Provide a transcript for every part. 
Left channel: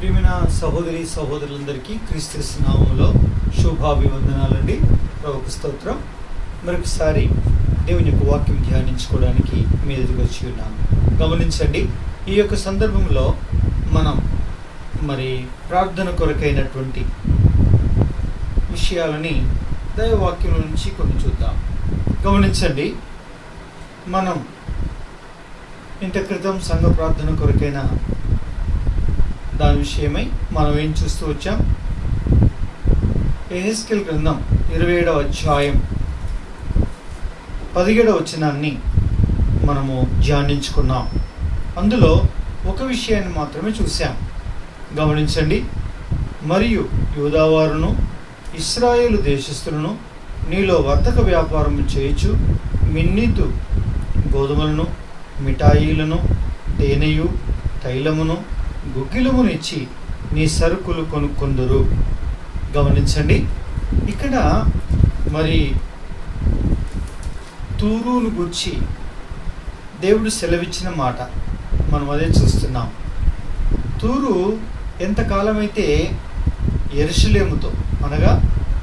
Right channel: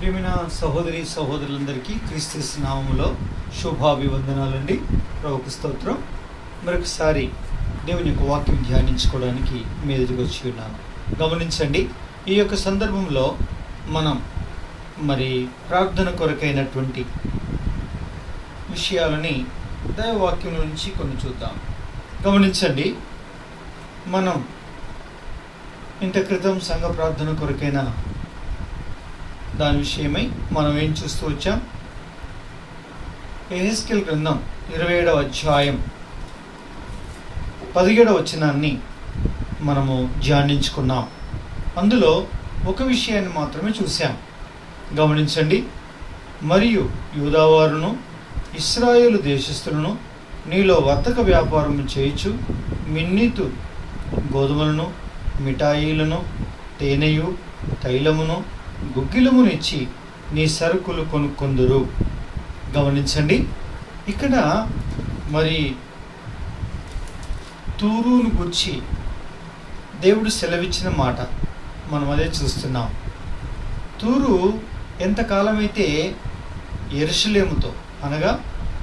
ప్రియమైన సహోదరి సహోదరులందరికీ క్రీస్తు నామములో శుభాభివందనాలండి. ప్రభువుకు స్తోత్రం. మరొకసారి దేవుని యొక్క వాక్యం ధ్యానించుకోవడానికి మీ ఎదురుకు వచ్చి ఉన్నాను. గమనించండి, ఈ యొక్క సందర్భంలో మనం ప్రార్థన కొరకైనటువంటి విషయాలని దైవవాక్యం నుంచి కొన్ని చూద్దాం. గమనించండి, మనం ఇంత క్రితం సంఘ ప్రార్థన కొరకైన దాని విషయమై మనం ఏం చూస్తూ వచ్చాం? యెహెజ్కేలు గ్రంథం 27వ అధ్యాయం 17వ వచనాన్ని మనము ధ్యానించుకున్నాం. అందులో ఒక విషయాన్ని మాత్రమే చూసాం. గమనించండి, మరియు యూదావారును ఇశ్రాయేలు దేశస్థులను నీలో వర్తక వ్యాపారం చేయొచ్చు మిన్నీతు గోధుమలను మిఠాయిలను తేనెయు తైలమును గుగ్గిలమునిచ్చి నీ సరుకులు కొనుక్కొందురు. గమనించండి, ఇక్కడ తూరును గురించి దేవుడు సెలవిచ్చిన మాట మనం అదే చూస్తున్నాం. తూరు ఎంతకాలమైతే యెరూషలేముతో అనగా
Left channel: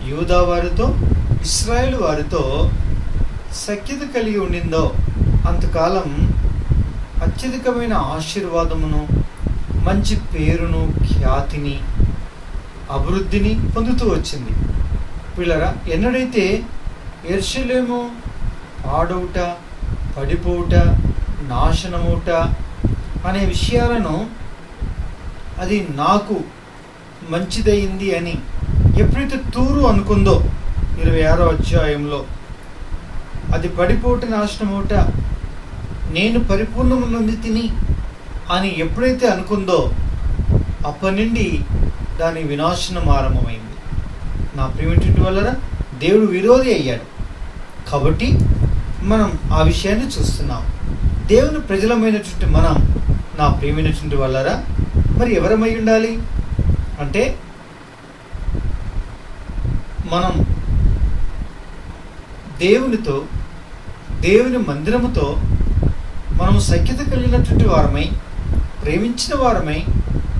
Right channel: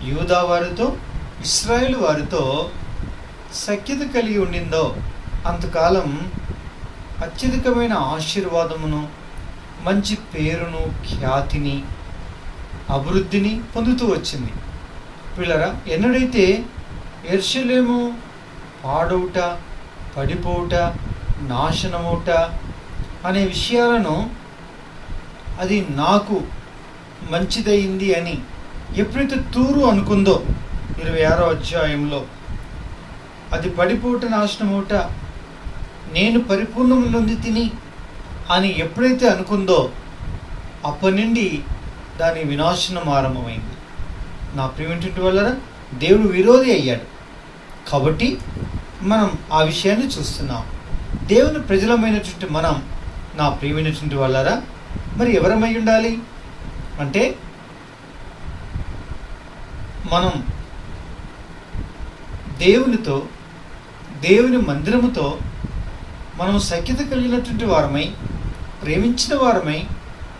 యూదా వారితో ఇశ్రాయేలు వారితో సఖ్యత కలిగి ఉండిందో అంతకాలం అత్యధికమైన ఆశీర్వాదమును, మంచి పేరును, ఖ్యాతిని, అభివృద్ధిని పొందుతూ వచ్చింది. పిల్లరా, ఎన్నడైతే యెరూషలేము పాడవుట, పడిపోవుట, నాశనమవుట అనే విషయాలను అది నాకు మంచిదయింది అని ఎప్పుడైతే తూరు అనుకుందో 26వ అధ్యాయంలో, అది పడిపోవుట, నాశనమవుట, నేను పరిపూర్ణము నొంది తిని అని ఎప్పుడైతే అనుకుందో అప్పటి నుండి దాని వినాశనం ఆరంభమైంది. నా ప్రియమైనటువంటి వాళ్ళరా, దేవుడు విరోధి అయ్యాడు. కాబట్టి మనం ఆ విషయాన్ని చూస్తున్నాం. దేవుని ప్రజలమైనటువంటి మనం, నా ప్రియమైనటువంటి వాళ్ళరా, మరి ఎవరమై ఉండాలి అంటే మనం దేవునితో, దేవుని మందిరముతో మనము సఖ్యత కలిగినటువంటి వారమై, ప్రేమించిన వారమై,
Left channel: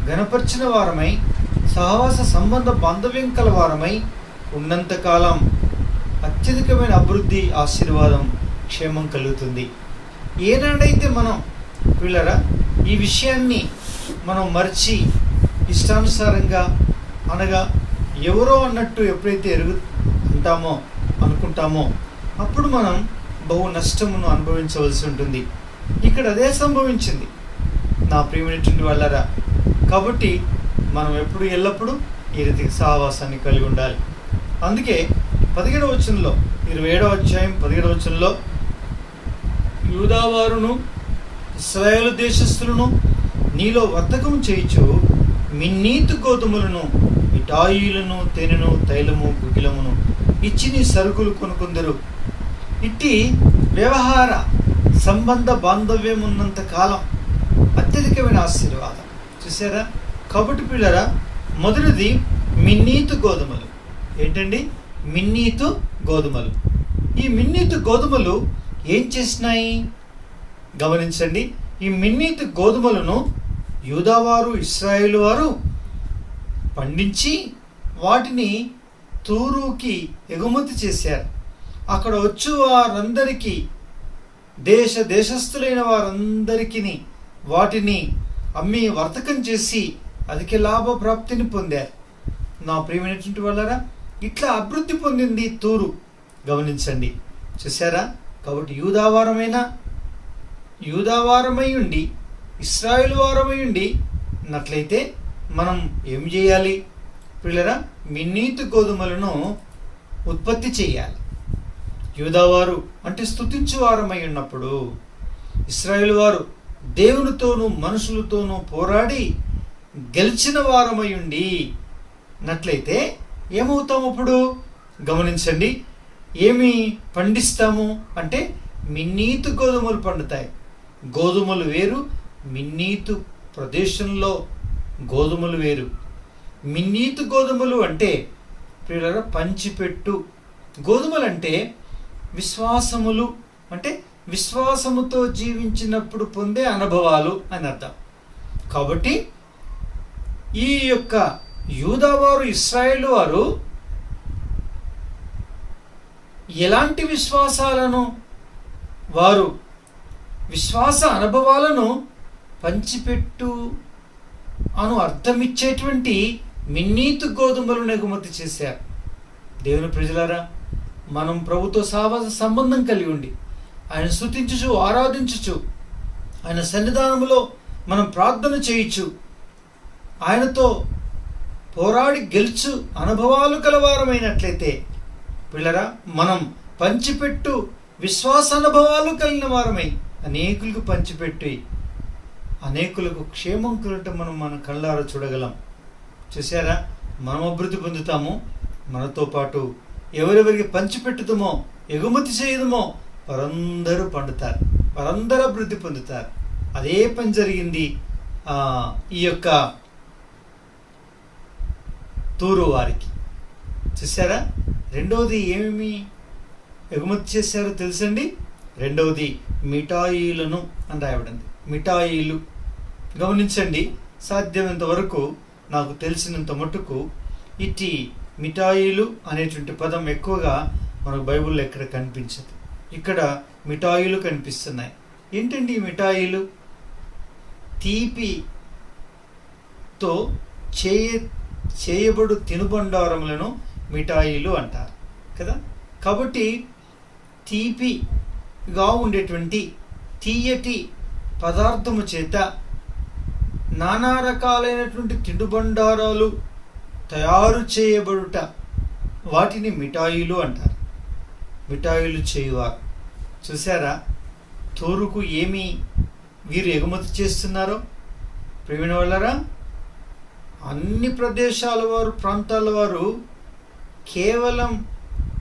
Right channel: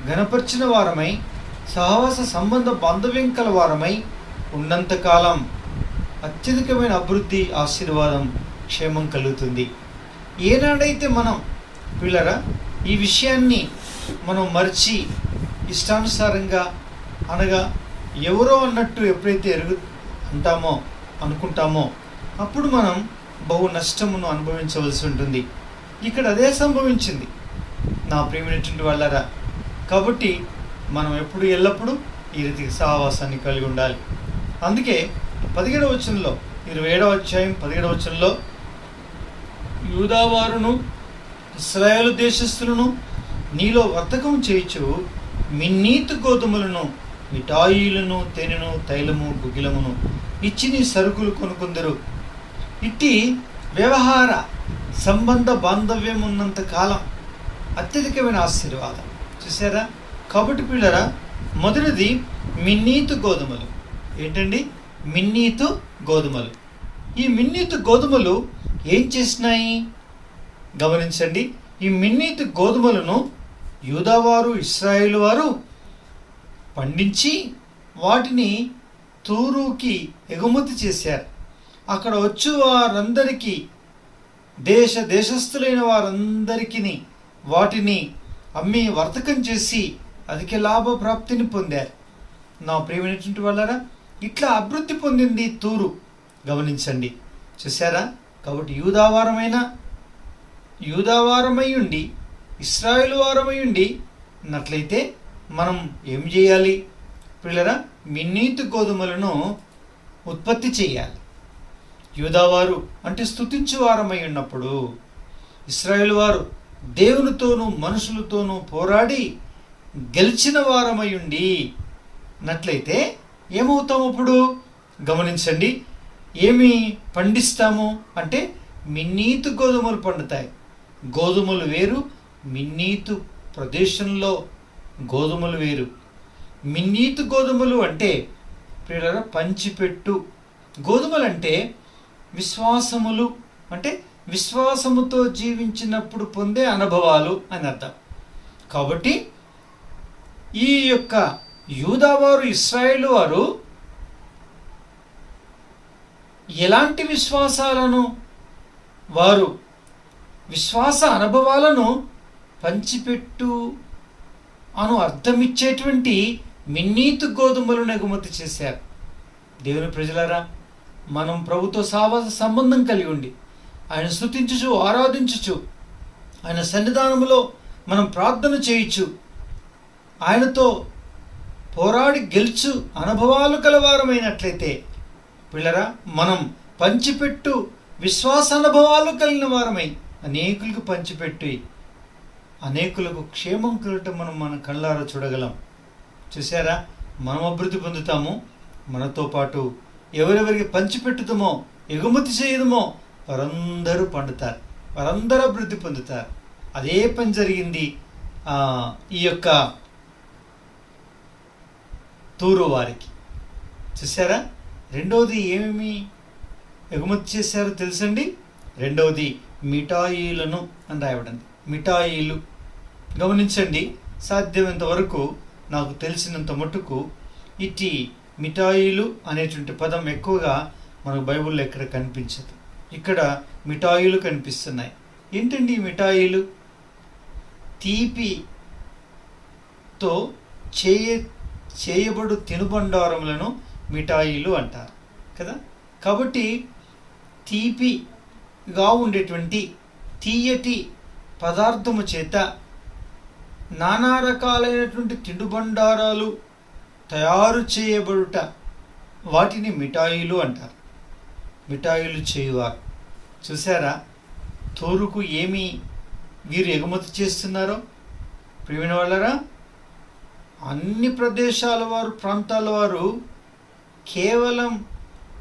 గణపరిచిన వారమై, సహవాస సంబంధ బాంధవ్యం కల వారమై ఉన్నంతకాలం అత్యధికమైన అభివృద్ధి, ఆశీర్వాదం, క్షేమం కలుగుతుంది. ఏనాడైతే మనం పిల్లరా ఈ విషయాన్ని మనం మర్చి ఇష్టానుసారంగా అనగా ఎవరో అన్నట్టు ఎప్పుడైతే అనుకుంటామో అప్పుడు మనం బహు నష్టమును అనుభవించవలసి ఉంటుంది. ఇక్కడ అదే సంభవించింది, నా ప్రియమైనటువంటి వాళ్ళరా. కాబట్టి మనం ఎల్లప్పుడూ ఈ రీతి సహవాసాన్ని కలిగి ఉండాలి. అందుకే 17వ వచనంలో, 27వ అధ్యాయం 17వ వచనంలో, యూదావారును ఇశ్రాయేలు దేశస్థులను నీలో వర్తకం చేయించు మిన్నీతు గోధుమలను మిఠాయిలను తేనెను తైలము గుగ్గిలమును ఇచ్చి నీ సరుకులు కొనుక్కొందరు. ఇట్టి వ్యవహార సంబంధ బాంధవ్యం ఉన్నంత కాలం అత్యధికమైన ఆశీర్వాదం. చూసారా? కాబట్టి పిల్లరా, మొదటిది మిన్నీతు గోధుమలు. ఏంటండి? మిన్నీతు గోధుమలు. ఈ మిన్నీతు గోధుమలు ఏం చేసినాయి? గమనించండి, ఈ మిన్నీతు గోధుమలను యూదావారు, ఇశ్రాయేలు వారు పండించి వాటిని తూరుకి ఎగుమతి చేశారు. అక్కడ వచ్చి వారందరికీ, దేశస్థులైన వారందరికీ వాటిని అమ్మి వర్తకం చేసి అధిక లాభ ప్రాప్తిని పొందారు. నా ప్రియమైనటువంటి వాళ్ళరా, ఇట్లా అభివృద్ధి పొందింది తూరు. గమనించండి, చూసారా? కాబట్టి యూదావారమై ఉండి ఇశ్రాయేలు వారమై ఉండి ఉన్నట్లయితే మనం ఏం చేయాలి పిల్లరా? మిన్నీతు గోధుమలను ఉత్పత్తి చేయాలి. యూదావారు అంటే స్తుతించు వారమై ఉన్నప్పుడు, ఇశ్రాయేలు వారు దేవునితోనూ మనుషులతోనూ పోరాడి గెలిచిన వారమై ఉండి నట్లయితే ఏమవుతాము అప్పుడు? గమనించండి, ఏమి పండిస్తాము అంటే మిన్నీతు గోధుమలు పండుతాయి. గోధుమలు వేరు, మిన్నీతు ప్రదేశంలో గోధుమలు వేరు. మిన్నీతు గోధుమలు అంటే పిల్లల పంచిపెట్టు గోధుమలు అంటే విశ్వాసములు, అంటే విశ్వాసముతో జీవించినప్పుడు పొందే అనుభవాలు అని అర్థం. కాబట్టి ఈ యొక్క యూదావారు, ఇశ్రాయేలు వారు ఎలాంటి విశ్వాసాలను, వారు విశ్వాస అనుభవాలను పంచిపెట్టు అను అర్థమిచ్చేటువంటి మిన్నీతు గోధుమలను ఎగుమతి చేశారు. దేవుని ప్రజలారా, మనం ప్రభుతో సావాస సంబంధం కలిగి ఉండి ఆయన స్తుతించుచు, ఆరాధించుచు, ఆయన సన్నిధానములో మనం ప్రార్థన చేయొచ్చు, ఆయనతో పోరాడి గెలుచు అనుభవాలు కలవారమైనట్లయితే పిల్లరా, మనం పంచిపెట్టు విశ్వాస అనుభవాలు కలిగిన వారమై అనేకులకు పంచిపెట్టి అనేకులకు క్షేమం కలగటం మనం మన కళ్ళారా చూడగలం. చూసారా, మనం అభివృద్ధి పొందుతాము, మనతో పాటు ఎవరెవరికి పంచిపెట్టుతామో, ఎగుమతి చేయడమో వారందరూ పండుతారు, వారందరూ అభివృద్ధి పొందుతారు. అదే పని జరిగింది ఈ యొక్క తూరు వారికి. చూసారా, రెండవది ఏమేమి ఎగుమతి చేశారో తెలుసండి. రెండవది మిఠాయిలను అని రాయబడింది. మిఠాయిలు గమనించండి. సాధ్యమైనంత వరకు నాకు తెలిసినంత మట్టుకు ఇటు మిఠాయిలు అనేటువంటి పదం ఎక్కువగా మనకు బైబిల్లో ఎక్కడ కనిపించదు. ఇక్కడ మిఠాయిలు కనిపిస్తున్నాయి. ఏంటండి ఈ మిఠాయిలు? తీపితో చేయబడు తినుబండారములను మిఠాయిలు అంటారు కదా. కాబట్టి తీపిగా ఉండేటువంటి తీయటి పదార్థము చేత నానా రకాలైనటువంటి తినుబండారాలు తయారు చేయబడుట, వాటిని మిఠాయిలు అంటారు. మిఠాయిలు చేయువారు. చూసారా, తూరుకు ఏమి వీరు ఎగుమతి చేస్తున్నారో ప్రియమైన వాళ్ళరా. అన్ని ప్రదేశాల వారు, ప్రాంతాల వారు కేవలం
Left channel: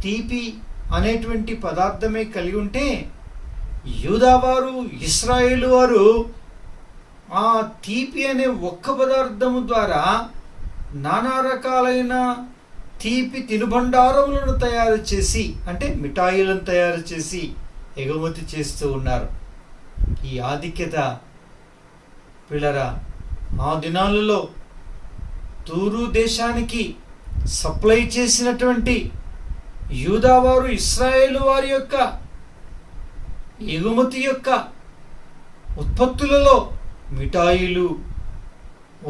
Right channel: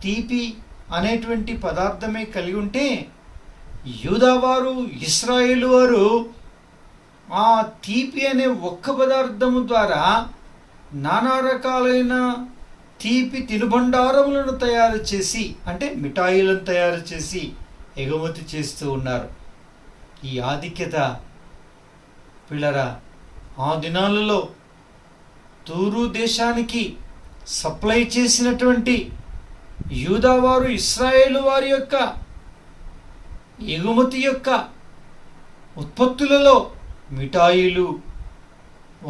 తీపి అనేటువంటి పదార్థమే కలిగి ఉంటే, యూదావారు, ఇశ్రాయేలు వారు ఆ తీపి అనే ఒక్క పదార్థము ద్వారా నానా రకాలైన తీపి తినుబండారములను తయారు చేసి, అంటే మిఠాయిలను తయారు చేసి ఎగుమతి చేస్తూ ఉన్నారు. ఈ ఆధిక్యత పిల్లరా ఆ దినాలలో తూరు దేశానికి సప్లై చేసినటువంటి యూదావారు, ఇశ్రాయేలు వారి యొక్క ఎగుమతి యొక్క ఉత్పత్తులలో మిఠాయిలు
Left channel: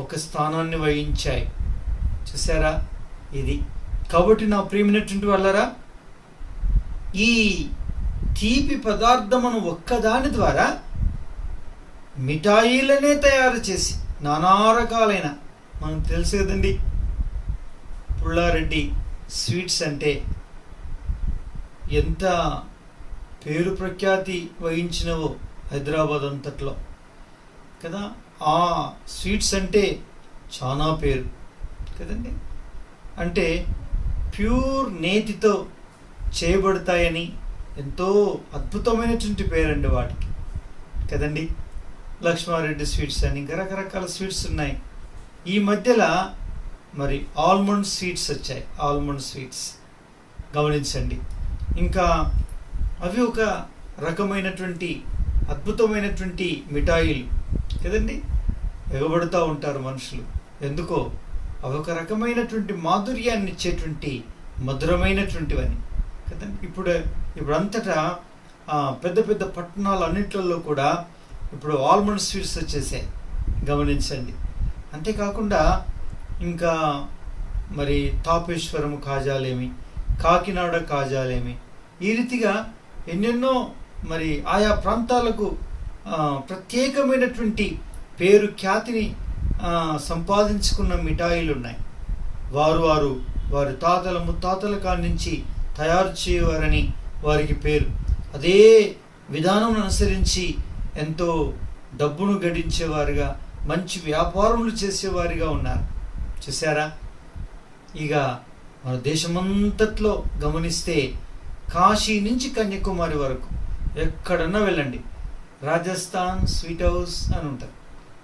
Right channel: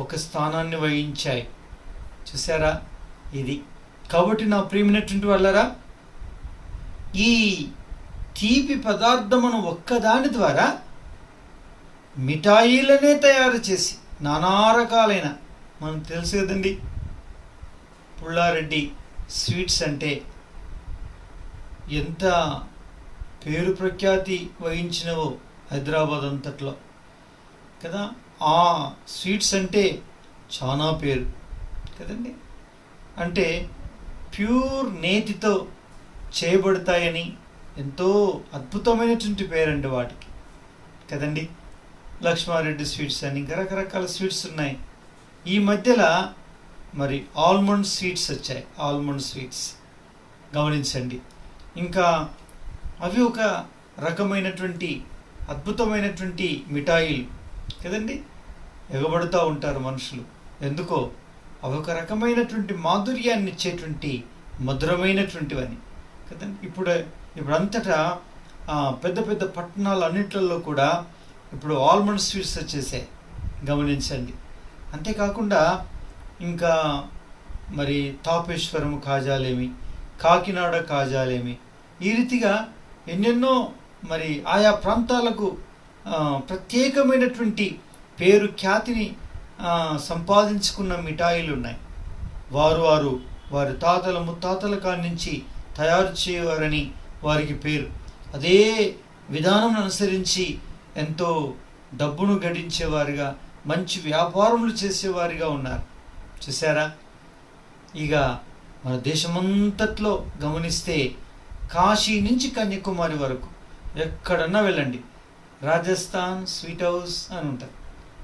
ఒక స్థానాన్ని వహించాయి. చూసారా ఇది. కాబట్టి నా ప్రియమైనటువంటి వాళ్ళరా, ఈ తీపి పదార్థమును ఒక్కదాని ద్వారా మిఠాయిలనే తయారు చేసి నానా రకాలైన, మనకు తెలుసు కదండి పుల్లారెడ్డి స్వీట్స్ అంటే ఎంత పేరు ప్రఖ్యాతి వహించినవో హైదరాబాద్ అంతట్లో కదా. ఆ స్వీట్స్ అంటే చాలా పేరు కదండి. అంటే ప్యూర్ నేతితో చేయబడతాయని ఎంతో అద్భుతమైనటువంటి పేరండి వాటికి కదండి. లక్ష్మారెడ్డి స్వీట్స్ అని ఇంకా రకరకాల స్వీట్స్ ఉన్నాయి. ఈ మధ్యలో మరి ఆల్మండ్ స్వీట్స్ వచ్చాయి. ఆల్మండ్ స్వీట్స్ గమనించండి. ఇంకా అవి ఒక రకమైనటువంటి అద్భుతమైనటువంటి మిఠాయిలు కదండి. ఎగబడుతూ ఉంటారు మనుషులు. ఎందుకో అవి ఒక రకమైనటువంటి మాధుర్యాన్ని ఇచ్చేటువంటి మధురమైనటువంటివని కదండి. ఇప్పుడు అంతటా పెద్ద పెద్ద పట్టణాలన్నింటిలో కూడా ఇప్పుడు ఆల్మండ్ స్వీట్స్ వచ్చేసాయి గమనించండి. అంతేకాకుండా ఇంకా మరి తాపేశ్వరము కాజాలేమి, కాకినాడ కాజాలేమి, ఈ రీతిగా ఎన్నెన్నో మరి ఆయా ప్రాంతాలకు ప్రత్యేకమైనటువంటి పేరు ఖ్యాతిని సంపాదించుకున్న మిఠాయిలు ఉన్నాయి. వారి తాతల ముత్తాతల కాడి నుంచి తయారు చేయవారని వారికి పేరు. అదే విధానం అనుసరించి ఎంతో డబ్బును గడించేవారుగా, మంచి వ్యాపారములు చేసేవారిగా ఉన్నారు. చూసారా, ఇక మన దేశమంతట్లో గమనిస్తే కాశీ నుంచి కన్యాకుమారి వరకు ఎక్కడన్నా వెళ్ళండి, రాజస్థాన్ స్వీట్ హౌస్ అని ఉంటారు.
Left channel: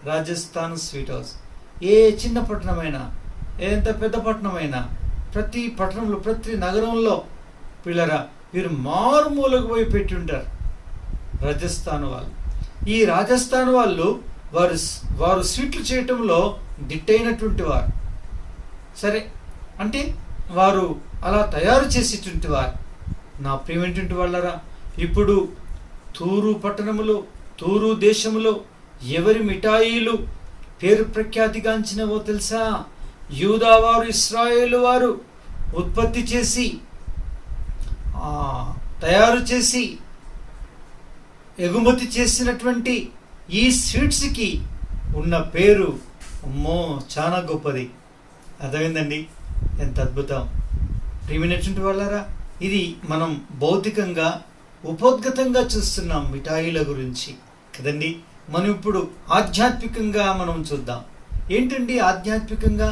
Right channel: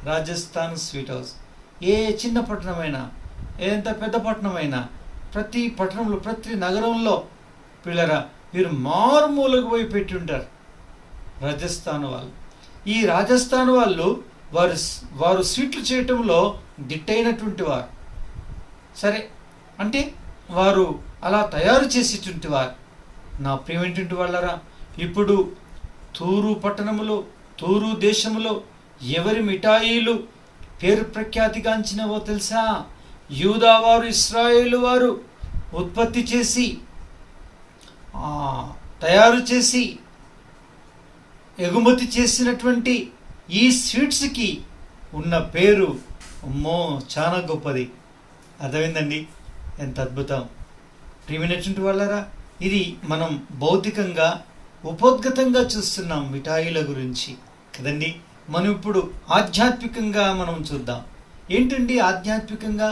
Rajasthan sweet house. ఏ చిన్న పట్టణమైనా, ఎంత పెద్ద పట్టణమైనా, ప్రతి పట్టణంలో, ప్రతి నగరంలో పిల్లరా వీరు మారుమూలకు పోయి పెట్టి ఉంటారు రాజస్థాన్ వాళ్ళు. ఈ రాజస్థాన్ వాళ్ళు వారు వారు స్వీట్లు చేయటంలో దిట్టైనటువంటి వారు. సరే, అంటే వారు అలా తయారు చేసేటువంటి వారు. నా ప్రియమైనటువంటి వాళ్ళరా, ఇప్పుడు తూరు పట్టణములో, తూరు దేశములో ఎవరి మిఠాయిలు పేరు ప్రఖ్యాతిగాంచినవో తెలుసా? యూదా వారు, ఇశ్రాయేలు వారు ఉత్పత్తి చేసి తయారు చేసి ఎగుమతి చేసినటువంటి ఈ స్వీట్స్కి ఉన్న పేరు అమ్మో చాలా గొప్పది. అర్థమైందండి? ఎంత అద్భుతం! ప్రియమైనటువంటి వాళ్ళరా, ఇది మనం భౌతికంగా ఉపోద్ఘతంగా చూస్తున్నాం మిఠాయిల గురించి కదండి. మనం ఇప్పుడు ఆధ్యాత్మికంగా మనం చూద్దాం. ఏంటండి ఆధ్యాత్మికంగా?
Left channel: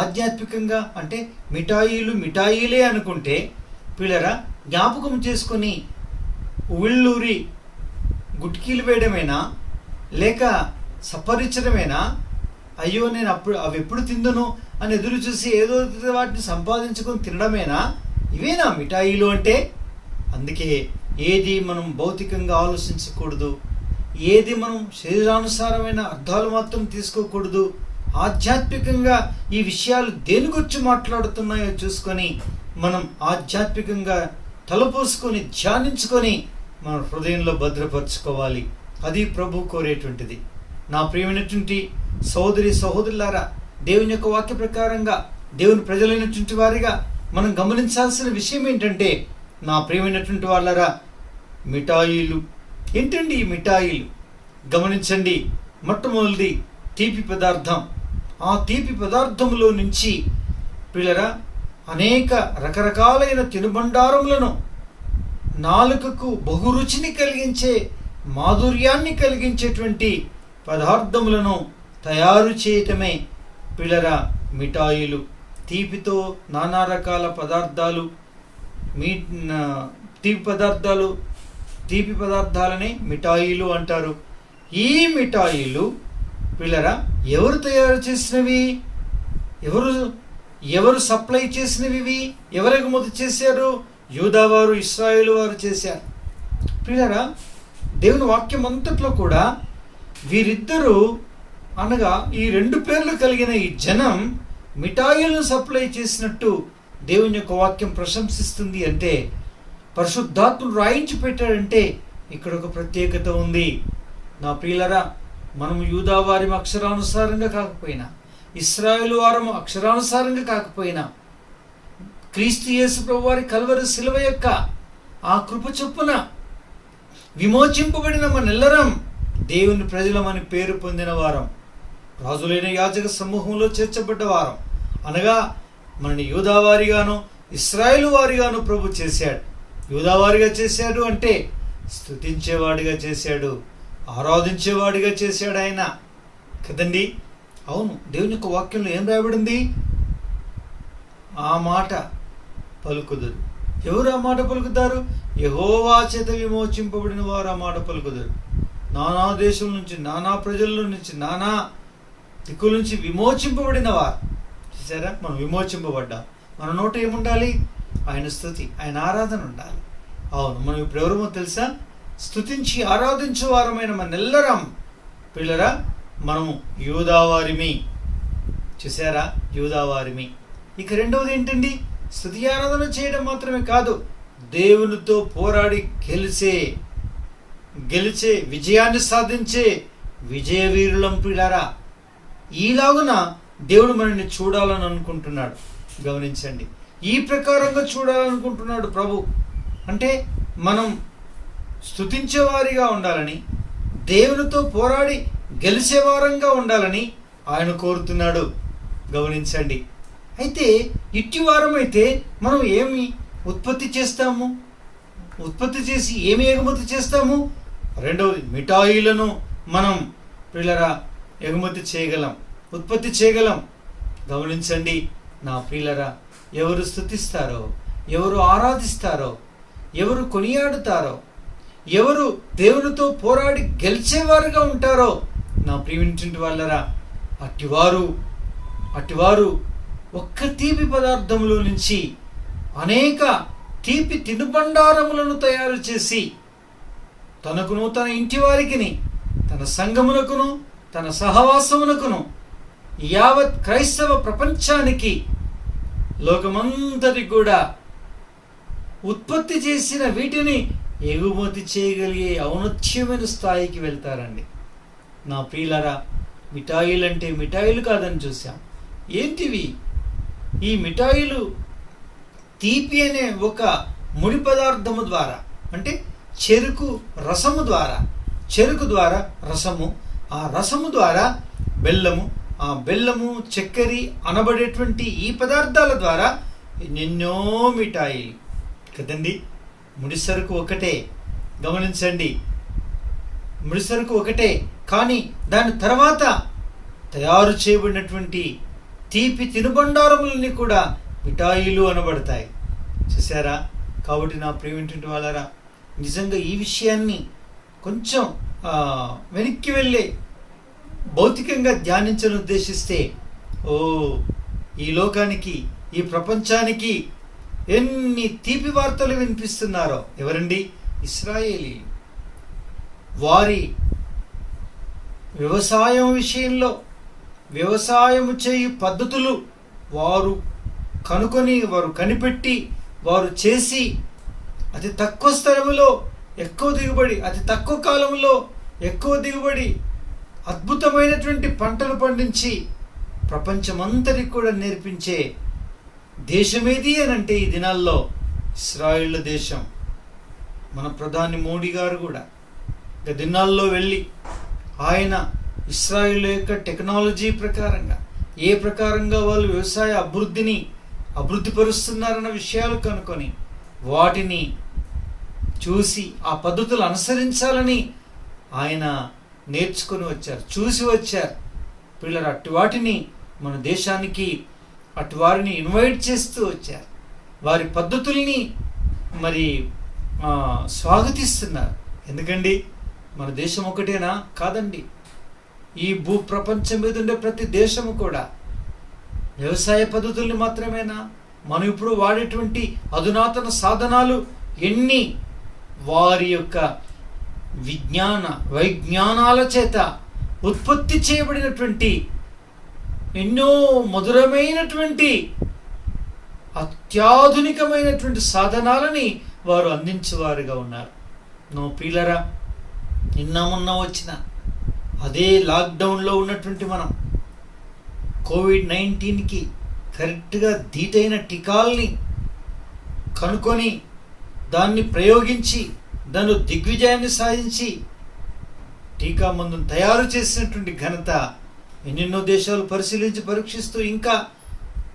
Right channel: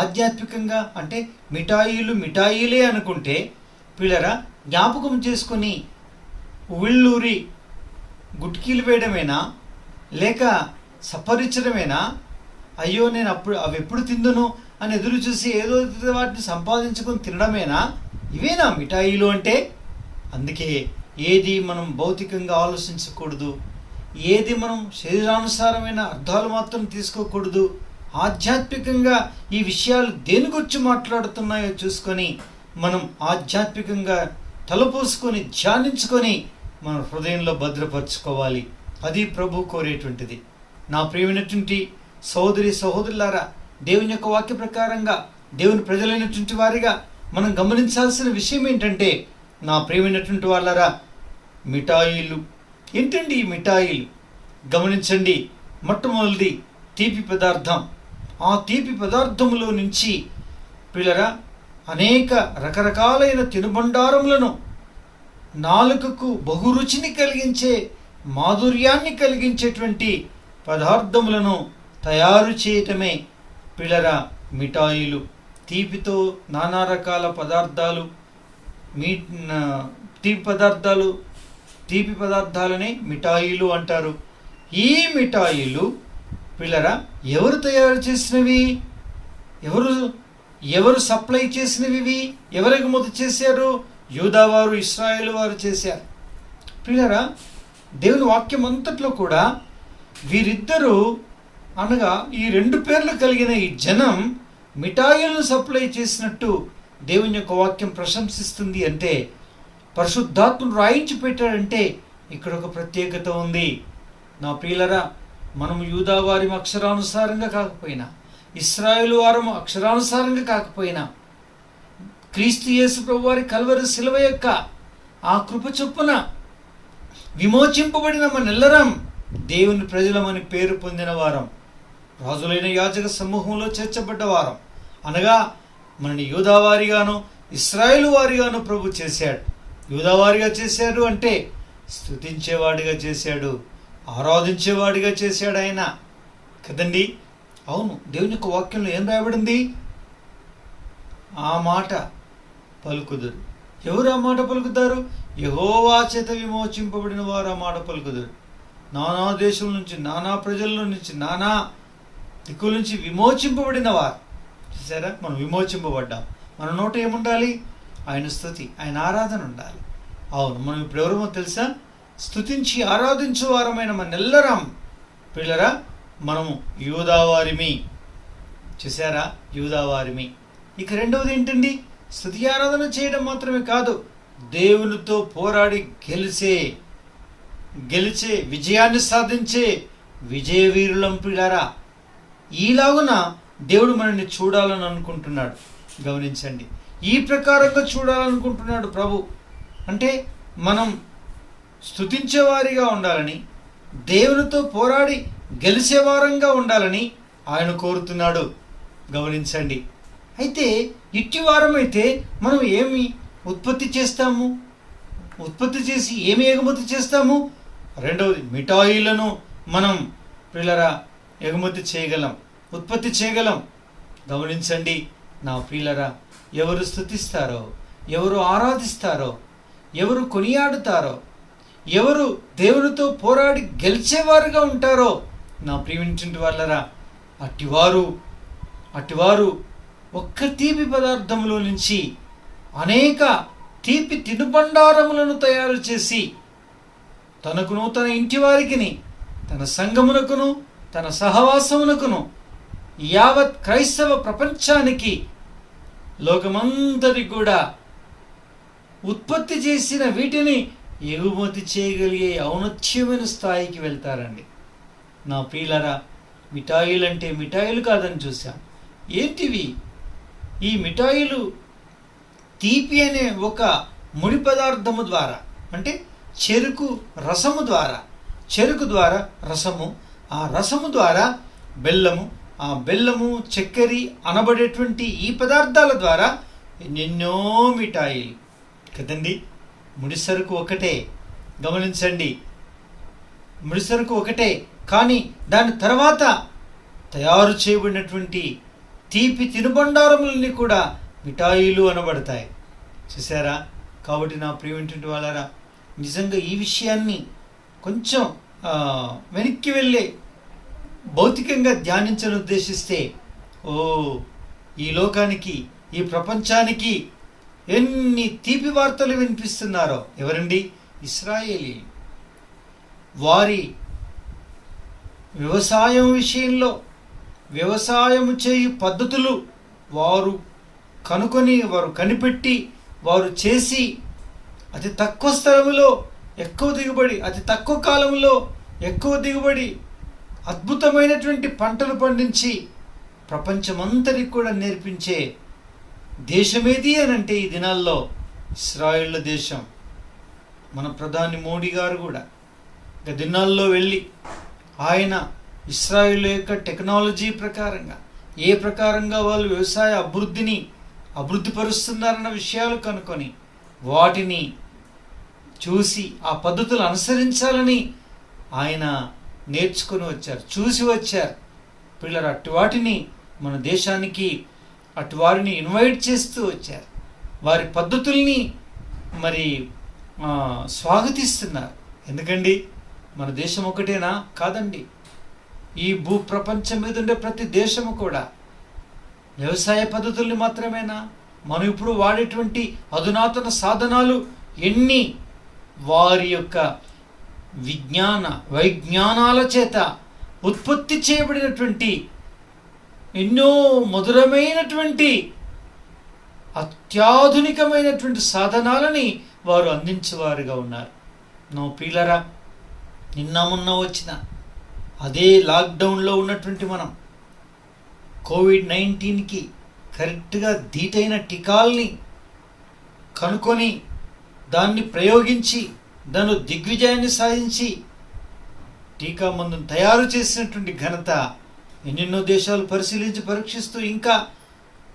ఆధ్యాత్మికంగా అంటే మిఠాయిలే అనుకుంటే పిల్లరా, జ్ఞాపకం చేసుకొని ఉళ్ళూరి గుట్కీలు వేయడమేనా, లేక సపరించడమేనా? అయ్యో నేను అవి ఎప్పుడు తిందును అని ఎదురు చూసి ఏదో వాటిని సంపాదించుకొని తినడమేనా? ఇవేనా మిఠాయిలు అంటే? అందుకే ఏది మనం భౌతికంగా ఆలోచించకూడదు, ఏది మనం శరీరానుసారమైన అర్థాలు మాత్రం తీసుకోకూడదు. ఆధ్యాత్మికంగా ఈ విషయాలు దేని గురించి మాట్లాడుతున్నాయో చూసుకొని మనం ఆధ్యాత్మికంగా తలపోసుకొని ధ్యానించుకొని మన హృదయంలో భద్రపరచుకోవాలి. అది ప్రభు కోరేటువంటిది. నా ప్రియమైనటువంటి సహోదరి సహోదరులారా, దేవుని యొక్క వాక్య ప్రకారంగా దేవుని ప్రజలైనటువంటి వారిగా మనం గమనించాల్సిన విషయం ఏంటంటే, నా ప్రియమైనటువంటి వాళ్ళరా, మిఠాయిలు ఏంటండి? ఈ మిఠాయిలు గమనించండి. మొట్టమొదటిది తీపి పదార్థం. ఆ తీపి పదార్థములో నుంచి పిల్లరా అనేక రకరకాలైన తినుబండారములను, నాలుకకు బహురుచిని కలిగించే, మాధుర్యాన్ని కలిగించేటువంటి పదార్థములను తయారు చేయటమే పిల్లరా మిఠాయిలు. తీపితో నానా రకాల పదార్థాలు, తీపి పదార్థాలనే మిఠాయిలు అంటారు. ఈ మిఠాయిలు పిల్లరా ఎవరు తయారు చేసినవి? ఎవరు సప్లై చేసినవి? ఎవరు ఎగుమతి చేశారు? యూదా వారు, ఇశ్రాయేలు వారు చేశారు. పిల్లరా, దేవుని వాక్యం అంతట్లో కూడా వీరిద్దరూ అనగా ఈ రెండు పేర్లు కలిగిన ఈ జనం మిఠాయిలను సప్లై చేసినట్టు దేవుని యొక్క వాక్యం ప్రశంసిస్తుంది. అంటే పరిశుద్ధాత్ముడు రాయించి పెట్టాడంటే ఇక్కడ ఒక ప్రత్యేకత ఉంది. నా ప్రియులరా, మనం యూదా వారి అక్షరానుసారంగా కాకపోయినా, ఇశ్రాయేలు వారము అక్షరానుసారంగా కాకపోయినా, క్రీస్తు యేసు ప్రభు వారి కల్వరి శిలువ యొక్క ఆ కృప చొప్పున విమోచింపబడిన మనెల్లరం దేవుని ప్రజలమని పేరు పొందిన వారం, రాజులైన యాజక సమూహంలో చేర్చబడ్డ వారం. అనగా మనని యూదావారిగాను ఇశ్రాయేలు వారిగాను ప్రభు చేశాడు. యూదావారిగా చేశాడు అంటే స్తుతించేవాడిగా చేశాడు, ఆరాధించేవాడిగా చేశాడు ఆయన కదండి. అవును, దేవుని యొక్క వాక్యంలో ఏం రాయబడింది? ఆ మాట పలుకుదురు. ఎవరు ఆ మాట పలుకుతారు? యెహోవా చేత విమోచింపబడిన వారు ఆ మాట పలుకుదురు. నానా దేశం నుంచి, నానా ప్రజల నుంచి, నానా దిక్కుల నుంచి విమోచింపబడిన వారు. చూసారా, మనం విమోచింపబడ్డాం. మన నోట ఏముండాలి? ఆయన స్తుతి, ఆయన ఆరాధన ఉండాలి. అవును, మనం ఇప్పుడు ఎవరమో తెలుసా? స్తుతించి ఆరాధించే వారమైన మనెల్లరం పిల్లరా మనము యూదావారిమి. చూసారా, యూదావారిమి. ఇక రెండవది ఏంటండి? స్తుతి ఆరాధన చేయడం మాత్రమే కాదు, దేవునితో పోరాడి గెలిచే విజయాన్ని సాధించే విజయవీరులం పిల్లారా. ఈలాగున దేవుడు మనల్ని చూడాలని అనుకుంటున్నాడు. గమనించండి, ఈ ప్రకారంగా చూడాలనుకుంటున్నాడు ప్రభు. అంటే మనం స్తుతించేవారిగా ఉండాలని, దేవునితో పోరాడి గెలిచేవారంగా ఉండాలని ఆయన కోరుతున్నాడు. గమనించండి. అయితే ఇట్టి వారమైతే మనం ఏమి ఉత్పత్తి చేస్తాము? ఉత్పత్తి చేసి ఏమి ఎగుమతి చేస్తాము? రెండవది, మిఠాయిలను మనం ప్రియులరా ఎగుమతి చేయగలం, ఉత్పత్తి చేయగలం. గమనించండి నా ప్రియులరా, ఎవరు స్తుతిస్తారో, ఎవరు ఆరాధిస్తారో, ఎవరు కొనియాడుతారో, ఎవరు దేవునితో పోరాడి గెలిచేవారుగా ఉంటారో నా ప్రియమైనటువంటి వాళ్ళరా, అటివారు ఒక్క తీపి పదార్థములో నుంచి అనేక తీపి తినుబండారములను తయారు చేసి తనకును తన ఇంటి వారికి తన సంఘమునకును తన సహవాసమునకును యావత్ క్రైస్తవ ప్రపంచానికి లోకమంతటి కూడా ఉత్పత్తి చేసిన వీటిని ఎగుమతి చేయగలిగే ఔన్నత్యమైన స్థాయికి వెళ్తారండి. నా ప్రియులరా, మిఠాయిలు అంటే మిఠాయిలు కాదని చూసాం. ఏంటివి? ఈ మిఠాయిలు తీపి అనే ఒక ముడి పదార్థము ద్వారా, అంటే చెరుకు రసము ద్వారా, చెరుకు ద్వారా రసము, ఆ రసము ద్వారా బెల్లము, ఆ బెల్లము చక్కెర అనబడేటువంటి ఈ పదార్థాల ద్వారా ఎన్నెన్నో మిఠాయిలు కదండి. ముడిసరుకు ఒకటే, గమనించండి, ముడిసరుకు ఒకటే, కానీ దాని తర్వాత తయారు చేయబడినటువంటి తీపి తినుబండారములన్నీ కూడా మిఠాయిలు అనబడతాయి. చూసారా? కాబట్టి నా ప్రియమైనటువంటి వాళ్ళారా, నిజంగా ఈ విషయాన్ని కొంచెం వెనక్కి వెళ్ళే భౌతికంగా ధ్యానించని ఉద్దేశిస్తే, ఈ లోకానికి, ఈ ప్రపంచానికి ఎన్ని తీపి వార్తలు వినిపిస్తున్నారో. ఎవరండి? ఇశ్రాయేలీయులు. వారి వ్యవసాయం విషయంలో, వ్యవసాయం చేయు పద్ధతులు వారు కనుకొని, వారు కనిపెట్టి, వారు చేసి అతి తక్కువ స్థలములో ఎక్కువ దిగుబడి, అతి తక్కువ కాలంలో ఎక్కువ దిగుబడి, అద్భుతమైనటువంటి పంటలు పండించి ప్రపంచమంతటికి కూడా నేర్పించే దేశమేది అని అంటే ఈ దినాల్లో ఇశ్రాయేలు దేశం. మన ప్రధాని మోడీ గారు కూడా దినాల్లో వెళ్ళి ఆయన ఇశ్రాయేలు యొక్క టెక్నాలజీ ప్రకారంగా, ఏ ప్రకారంగా వాళ్ళు వ్యవసాయ అభివృద్ధి పరుస్తున్నారన్న విషయాలు కనుక్కొని వాటిని చూసి ఆ పద్ధతులు అనుసరించాలని ఆయన నేర్చుకొని వచ్చారు, చూసి వచ్చారు. పిల్లలు అటు వాటిని మన దేశానికి అటు వారిని ఇన్వైట్ చేస్తూ వచ్చారు. వారి పద్ధతుల్ని మరి స్వాగతిస్తున్నారు. ఎందుకండి? మన దేశం ఒకటేనా? కాదండి. ఈ భూ ప్రపంచం మీద ఉండే ప్రతి దేశము కూడా వ్యవసాయ పద్ధతుల్ని మాత్రమేనా? మనం ఇప్పుడు వాడేటువంటి అధునాతన సాధనాలు ఎన్ని వారి యొక్క వైజ్ఞానాల చేత ఉత్పత్తి చేయబడినటువంటి ఎన్నో మధురమైనటువంటి అత్యాధునికమైనటువంటి సాధనాలని వారు అందించేవారుగా ఉన్నారు. నో ప్రియులరా, నిన్న మొన్న వచ్చిన అదే లాక్డౌన్లో ఉన్నటువంటి మనం కోవిడ్-19కి కరెక్ట్గా ధీటైన టీకాల్ని కనుక్కొని దాన్ని ప్రయోగించి దాని దిగ్విజయాన్ని సాధించి టీకా మందును తయారు చేసినటువంటి ఘనత ఎన్నెన్నో దేశాలు పరిశీలించి పరీక్షిస్తూ ఇంకా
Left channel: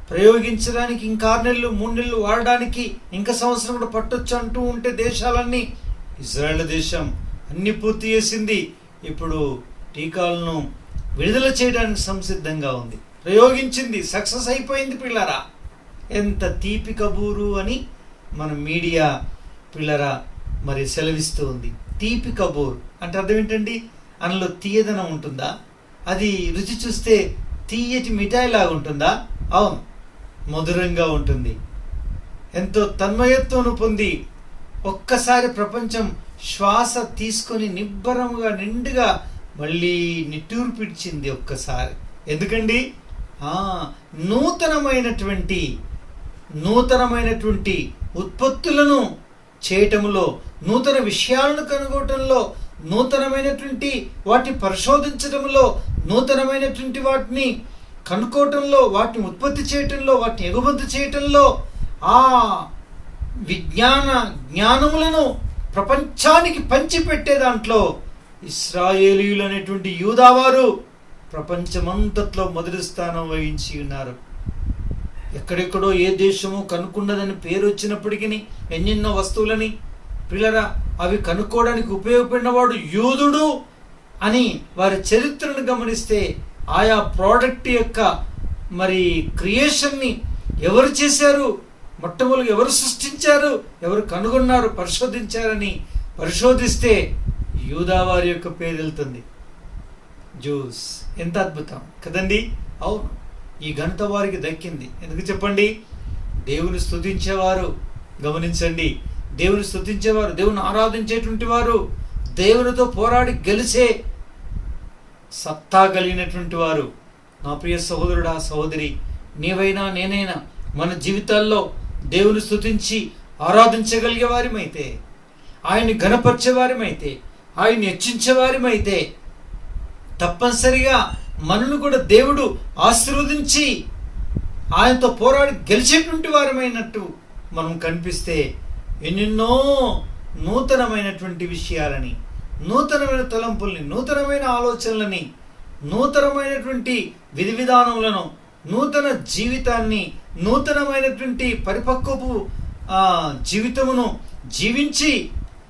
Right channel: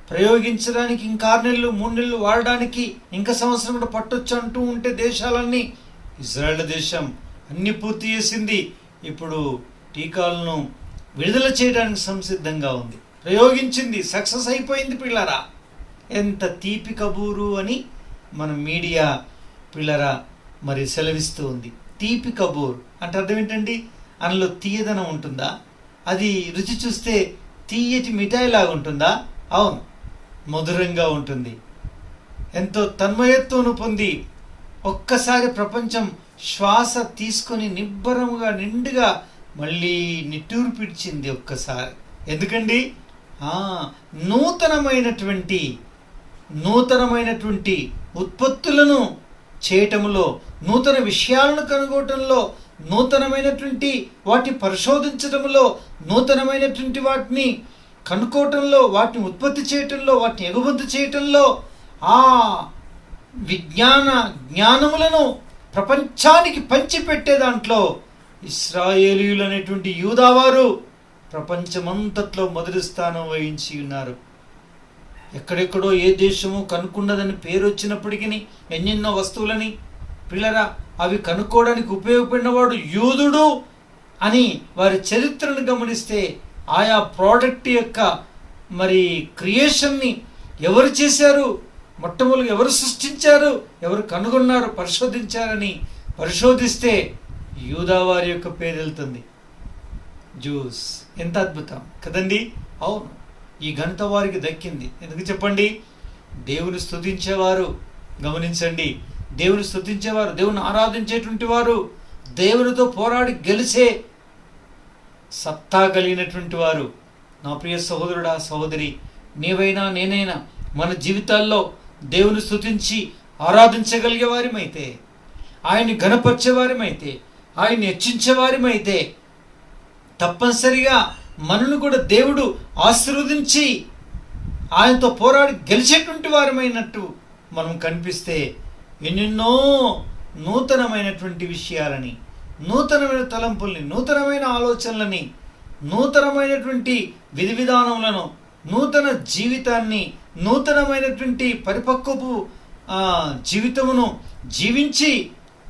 ప్రయోగించడానికి ఇంకా 6 నెలలు 3 నెలలు వాడడానికి ఇంకా సంవత్సరం కూడా పట్టొచ్చు అంటూ ఉంటే దేశాలన్నీ, ఇజ్రాయెల్ దేశం అన్ని పూర్తి చేసింది. ఇప్పుడు టీకాలను విడుదల చేయడానికి సంసిద్ధంగా ఉంది, ప్రయోగించింది, సక్సెస్ అయిపోయింది. పిల్లరా, ఎంత తీపి కబూరు అని మన మీడియా పిల్లరా మరి సెలవిస్తూ ఉంది. తీపి కబూర్ అంటే అర్థం ఏంటండి? అందులో తీయదనం ఉంటుందా? అది రుచి చూస్తే తీయటి మిఠాయి లాగా ఉంటుందా? అవును, మధురంగా ఉంటుంది. ఎంతో తన్మయత్వం పొంది ఒక్కసారి ప్రపంచం శ్వాస తీసుకొని నిబ్బరంగా నిండుగా మళ్ళీ నిట్టూరు పిడిచింది ఒక్కసారి. ఎందుకండి? నూతనమైనటువంటి ఉత్పత్తులను చేయటంలో, నూతన విషయాలను కనుగొనటంలో, నూతనమైనటువంటి వాటిని పరిశోధించడంలో, నూతనమైనటువంటి వాటిని కనుక్కోవటంలో, వాటిని ఉత్పత్తి చేయటంలో, వాటిని ఎగుమతి చేయటంలో, ఆ జ్ఞానములను ప్రపంచానికి పంచిపెట్టే దాంట్లో ఇశ్రాయేలీయులు అనేటువంటి యూదావారు ప్రపంచమంతట్లో మొదటి స్థానం వహించి ఉన్నారు. ఎక్కడెక్కడో ఏ దేశము కనుక్కున్నదని పేరు వచ్చినప్పటికీ ఎన్నెన్నో వస్తువులని పిల్లరా అవి కనుక్కోవడానికి ఉపయోగపడిన వాడు యూదుడు అని వారి చరిత్రను గమనిస్తే, ఆయా ప్రోడక్ట్ యొక్క మరి క్రియేషన్ని ఎవరు చేశారు, మొట్టమొదటి ఎవరు సృష్టించారు, ఎవరు కనుగొన్నారు, పరిశోధించారని పరిశోధిస్తే యూదా వారి యొక్క పేరు వెళ్తుంది. జ్యూస్. ఎంత అద్భుతం కదండి? అవును, ఈ ఘనత వారికి దక్కింది. ఎందుకు చెప్పండి? దేవుని స్తుతించేవారు, గమనించండి, దేవుని స్తుతించేవారు, దేవుని ఆరాధించేటువంటి వారు, దేవునితో పోరాడి గెలిచే సత్తా కలిగినటువంటి వారు. నా ప్రియ సహోదరుడా, సహోదరి, నీవైనా నేనైనా మన జీవితాల్లో దేవుని స్తుతించి ఆరాధించగలిగే వారిమైతే, ఆయన్ని ఘనపరిచే వారిమైతే, ఆయన్ని హెచ్చించే వారిమైతే, తప్పనిసరిగా మనను కూడా దేవుడు ఆశీర్వదించి ఆయనతో పోరాడి గెలిచేటువంటి వారమైనట్టు మనం కనిపిస్తే ఎన్నెన్నో నూతనమైనటువంటి విషయాలని, నూతనమైన తలంపుల్ని, నూతనమైన ఆలోచనలని, నూతనమైనటువంటి విధి విధానములను, నూతన జీవితాన్ని, నూతనమైనటువంటి పరిపక్వపు జీవితమును జీవించి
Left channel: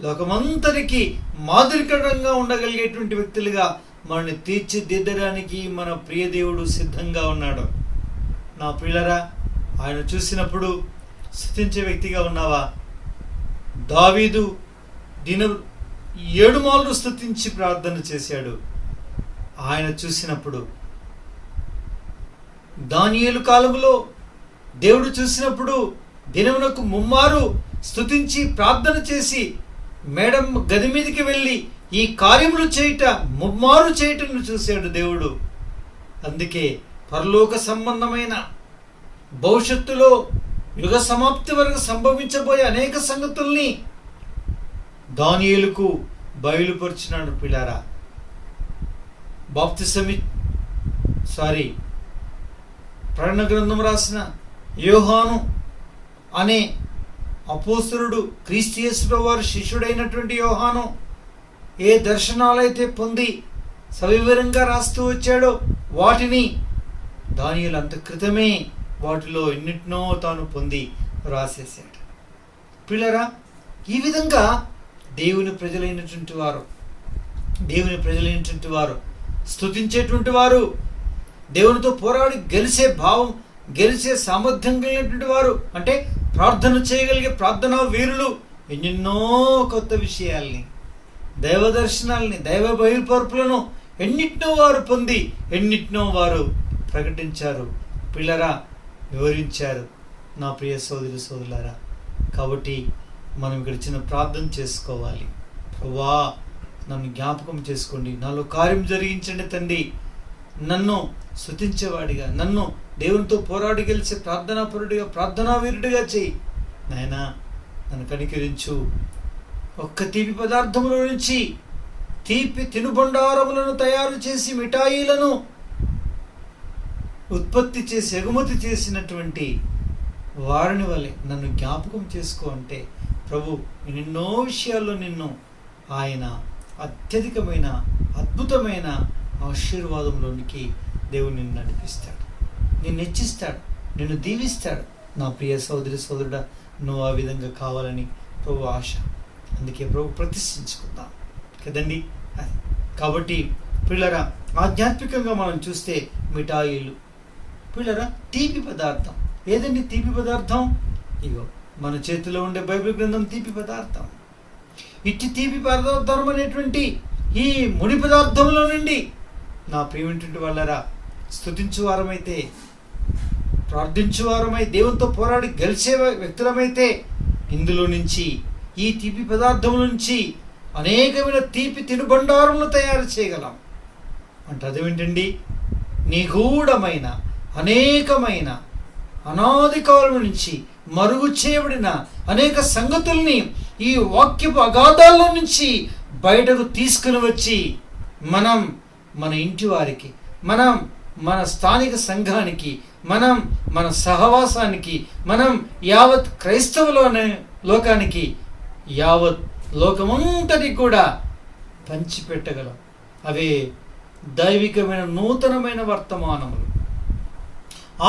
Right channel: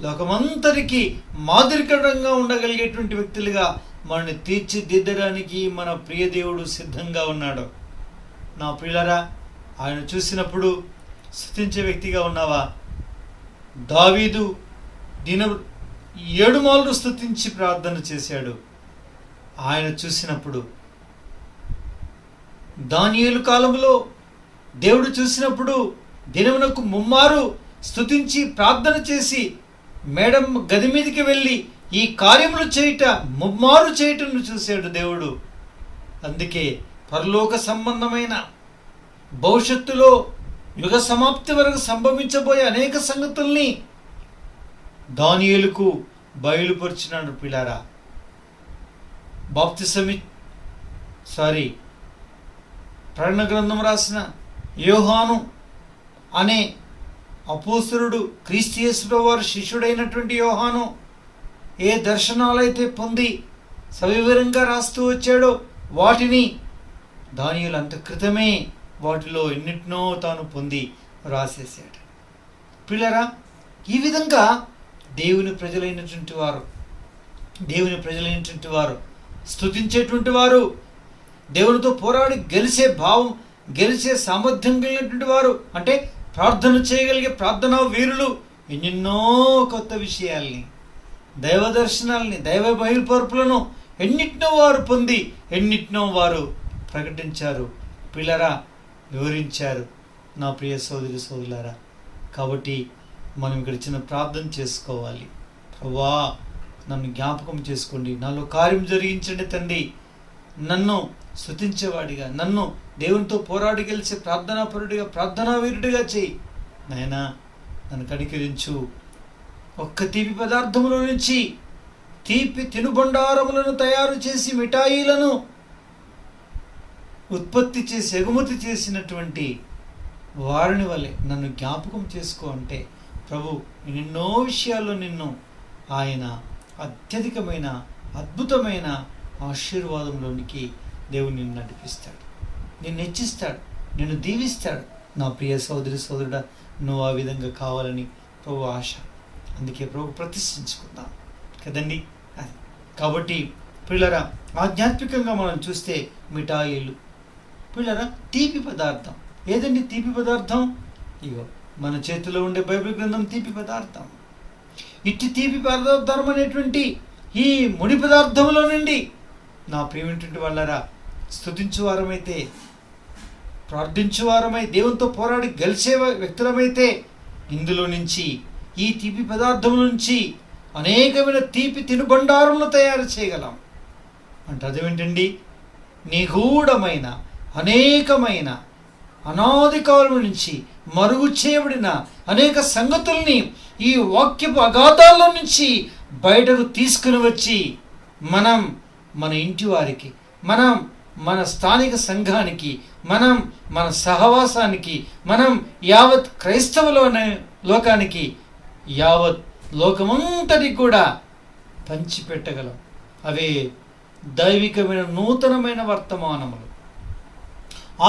లోకమంతరికి మాదిరికరంగా ఉండగలిగేటువంటి వ్యక్తులుగా మనల్ని తీర్చిదిద్దడానికి మన ప్రియ దేవుడు సిద్ధంగా ఉన్నాడు. నా ప్రియులరా, ఆయన చూసినప్పుడు స్తుతించే వ్యక్తిగా ఉన్నావా? దావీదు 7 మార్లు స్తుతించి ప్రార్థన చేశాడు. ఆయన చూసినప్పుడు, దానియేలు కాలంలో దేవుడు చూసినప్పుడు దినమునకు 3 మారు స్తుతించి ప్రార్థన చేసి మేడం గది మీదకి వెళ్ళి ఈ కార్యములు చేయుట 3 మారు చేయటం చూశాడు దేవుడు. అందుకే పరలోక సంబంధమైన భవిష్యత్తులో యుగ సమాప్తి వరకు సంభవించబోయే అనేక సంగతుల్ని దానియేలుకు బయలుపరిచినాడు. పిల్లారా, ప్రకటన గ్రంథం రాసిన యోహాను అనే అపోస్తలుడు, క్రీస్తు యేసు వారి శిష్యుడైనటువంటి యోహాను ఏ దర్శనాలైతే పొంది సవివరంగా రాస్తూ వచ్చాడో వాటిని దానియేలు అంత క్రితమే వాటిలో ఎన్నిటినో తాను పొంది రాసేసాడు. పిల్లరా, ఈ విధంగా దేవుని ప్రజలైనటువంటి వారు స్తుతించేటువంటి వారు, దేవునితో పోరాడి గెలిచే భావం, గెలిచే సామర్థ్యం కలిగినటువంటి వారు, అంటే ప్రార్థన చేయగలిగే ప్రార్థనా వీరులు ఎన్నెన్నో కొత్త విషయాల్ని, దైవ దర్శనాల్ని, దైవ బయలుపరుపులను ఎన్నిటినో వారు పొంది ఎన్నిటినో వారు ప్రకటించారు. పిల్లరా, వివరించారు. నా ప్రియ సోదరి సోదరులారా, కాబట్టి మనం ఇక్కడ చిన్న ప్రార్థన చేసుకోవాలి. ప్రభువా, నన్ను జ్ఞాపకం చేసుకోండి, నాలో కార్యం జరిగించండి తండ్రి. నన్ను స్తుతించేవాడిగా, నన్ను దేవునితో పోరాడి గెలిచే ప్రార్థనాపరుడిగా, ప్రార్థనా వీరుడిగా చేయి నాయనా. నన్ను కనికరించు. ఒక్క తీపి పదార్థముల నుంచి తీపి తినుబండారములను తయారు చేసి మిఠాయిలను ఉత్పత్తి చేసి ఎగుమతి చేసినటువంటి వారిని వలె నన్ను జ్ఞాపకం చేసుకో అంటే, ప్రభు ఎన్నో విషయాల్లో నిన్ను ఆయన అత్యధికమైన అద్భుతమైన ఆశీర్వాదంలోనికి దేవుడు నిన్ను నడిపిస్తాడు, నిన్ను హెచ్చిస్తాడు, నిన్ను దీవిస్తాడు. నా ప్రియ సోదరి సోదరుడా, నువ్వు ఆ విధంగా కావాలని ప్రభు ఆశ. అందుకే ప్రభు ప్రతిష్ఠించుకుందాం కదండి. కాబట్టి పిల్లరా, ఆధ్యాత్మికంగా మనం చూస్తే మిఠాయిలు, పిల్లరా, తీపి పదార్థం. ఏదండి తీపి పదార్థం? ఇగో మన చేతిలో ఉండే బైబిల్ గ్రంథం తీపి పదార్థం. ఇట్టి తీపి పదార్థం అనేటువంటి ఈ ముడి పదార్థంలో నుండి నా ప్రియమైనటువంటి వాళ్ళరా, స్తుతించువారమైతే, ప్రార్థించువారమై, దేవునితో పోరాడి గెలిచే వ్యక్తులమైతే ఇందులో నుంచి, ఈ తీపి పదార్థం నుంచి అనేకమైన తీపి తినుబండారములు తయారు చేయగలం. అంటే అదేమిటండి? నిగూఢమైన అనేకమైన అనాది కాలం నుంచి మరుగు చేయబడిన అనేక సంగతుల్ని ఈ వాక్యపు అగాధాల్లో నుంచి బయటకు తీసుకుని వచ్చి మనం మన ఇంటి వారికి, మనం మన స్థానిక సంఘానికి, మనం మన సహవాసానికి, మనం యావత్ క్రైస్తవులోనే లోకానికి, యావత్ లోకమంతటి కూడా పంచిపెట్టగలం. అవే దైవికమైన నూతనమైన వర్తమానములు,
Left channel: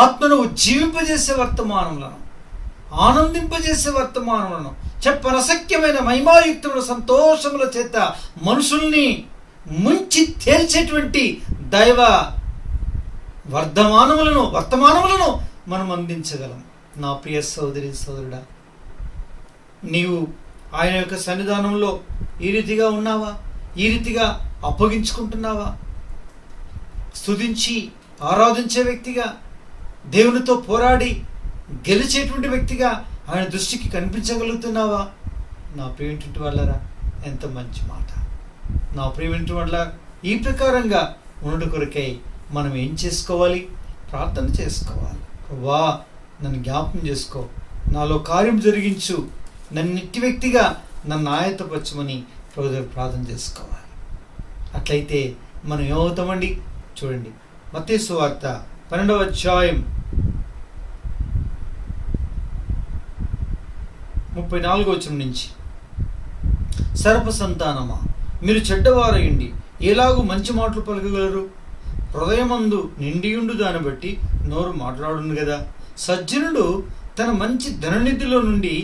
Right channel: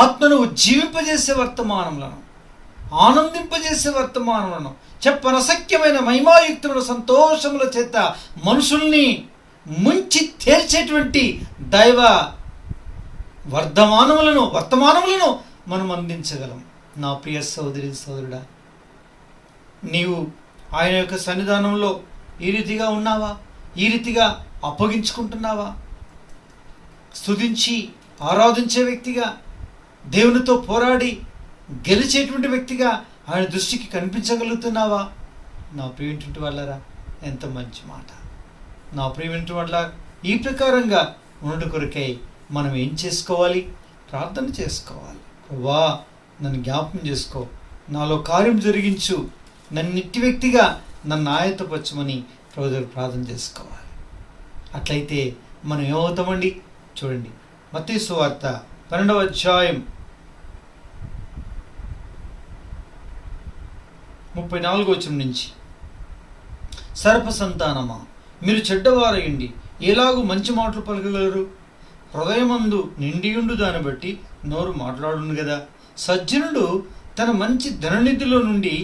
ఆత్మను ఉజ్జీవింపజేసే వర్తమానములను, ఆనందింపజేసే వర్తమానములను, చెప్పనసఖ్యమైన మహిమాయుక్తమైన సంతోషముల చేత మనుషుల్ని ముంచి తేల్చేటువంటి దైవ వర్తమానములను మనం అందించగలం. నా ప్రియ సోదరి సోదరుడా, నీవు ఆయన యొక్క సన్నిధానంలో ఈ రీతిగా ఉన్నావా? ఈ రీతిగా అప్పగించుకుంటున్నావా? స్తుతించి ఆరాధించే వ్యక్తిగా, దేవునితో పోరాడి గెలిచేటువంటి వ్యక్తిగా ఆయన దృష్టికి కనిపించగలుగుతున్నావా? నా ప్రియమైనటువంటి వాళ్ళరా, ఎంత మంచి మాట. నా ప్రియమైనటువంటి వాళ్ళ, ఈ ప్రకారంగా ఉండు కొరకై మనం ఏం చేసుకోవాలి? ప్రార్థన చేసుకోవాలి. ప్రభువా, నన్ను జ్ఞాపకం చేసుకో, నాలో కార్యం జరిగించు, నన్ను నిత్య వ్యక్తిగా నన్ను ఆయత్తపరచమని ప్రభు దగ్గర ప్రార్థన చేసుకోవాలి. అట్లయితే మనం ఏమవుతామండి? చూడండి, మత్తయి సువార్త 12వ అధ్యాయం 34వ వచనం నుంచి, సర్ప సంతానమా, మీరు చెడ్డవారయండి ఎలాగూ మంచి మాటలు పలకగలరు? హృదయమందు నిండియుండు దాన్ని బట్టి నోరు మాట్లాడును కదా. సజ్జనుడు తన మంచి ధననిధిలో నుండి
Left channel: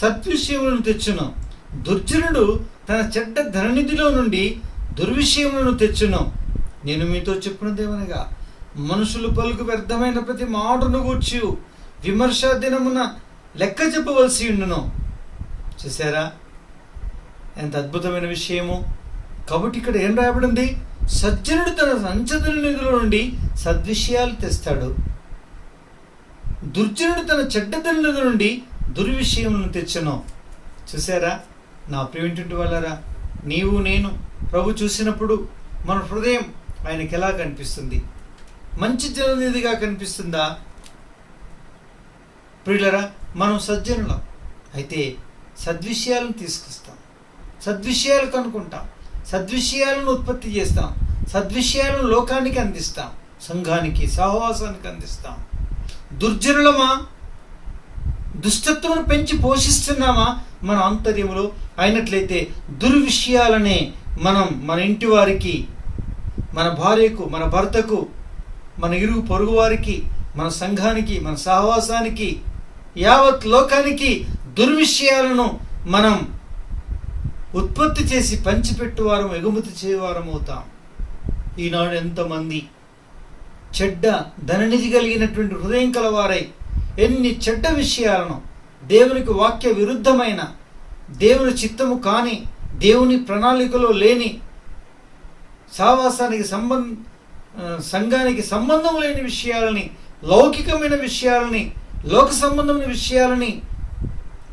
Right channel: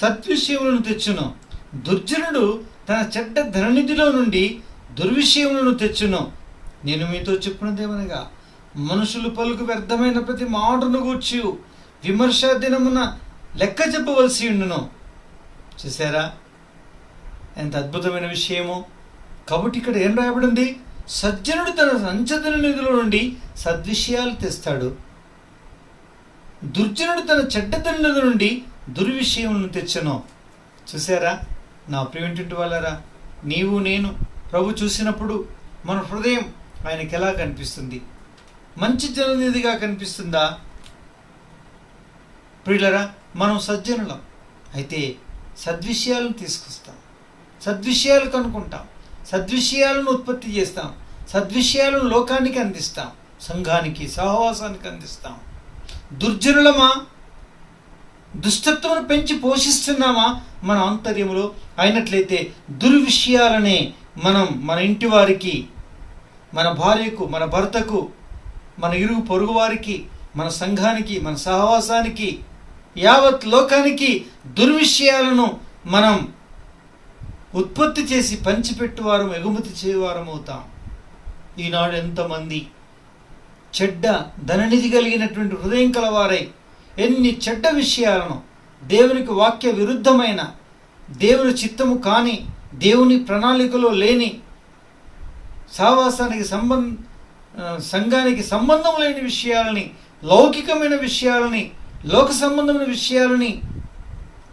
సద్విషయములను తెచ్చును, దుర్జనుడు తన చెడ్డ ధననిధిలో నుండి దుర్విషయములను తెచ్చును. నేను మీతో చెప్పినదేమనగా, మనుషులు పలుకు వ్యర్థమైన ప్రతి మాటను గూర్చి విమర్శ దినమున లెక్క చెప్పవలసి ఉండును. చూసారా ఎంత అద్భుతమైన విషయమో. కాబట్టి ఇక్కడ ఏం రాయబడింది? సజ్జనుడు తన సంచదన నిధుల నుండి సద్విషయాలు తెస్తాడు, దుర్జనుడు తన చెడ్డతన నిధుల నుండి దుర్విషయములను తెచ్చను. చూసారా నా ప్రియమైనటువంటి వాళ్ళారా, నీవు నేను ప్రభు చూసినప్పుడు మన హృదయం ఆయనకి ఎలా కనిపిస్తుంది? మంచి జననిధిగా కనిపిస్తుందా? ప్రియులరా, మనం సజ్జనులం అయితే సద్విషయాలను తీసుకొస్తాం, సద్విషయాలు కనుక్కుంటాం, సద్విషయాలను ఉత్పత్తి చేస్తాం, సద్విషయాలను లోకానికి అందిస్తాం, సంఘానికి సహవాసానికి అందిస్తాం. దుర్జనులమా, దుష్టత్వమును పెంచి పోషిస్తున్నామా మన ఆంతర్యములో? అయినట్లయితే దుర్విషయాలనే మనం మన ఇంటి వారికి, మన భార్యకు, మన భర్తకు, మన ఇరుగు పొరుగు వారికి, మన సంఘానికి, మన సహవాసానికి, యావత్ లోకానికి దుర్విషయాలను మనం ఉత్పత్తి చేసి పంచిపెట్టువారం, ఎగుమతి చేయవారం అవుతాం. ఈనాడు ఎంతమంది చెడ్డ ధననిధి కలిగినటువంటి హృదయం కలవారై ఎన్ని చెడ్డ విషయాలను, దేవునికి వాక్య విరుద్ధమైన, దేవుని చిత్తము కాని, దేవుని ప్రణాళికలో లేని, సావాసానికి సంఘానికి సంబంధం లేని విషయాలని, లౌకికమైన విషయాలని, లోక సంబంధమైన విషయాలని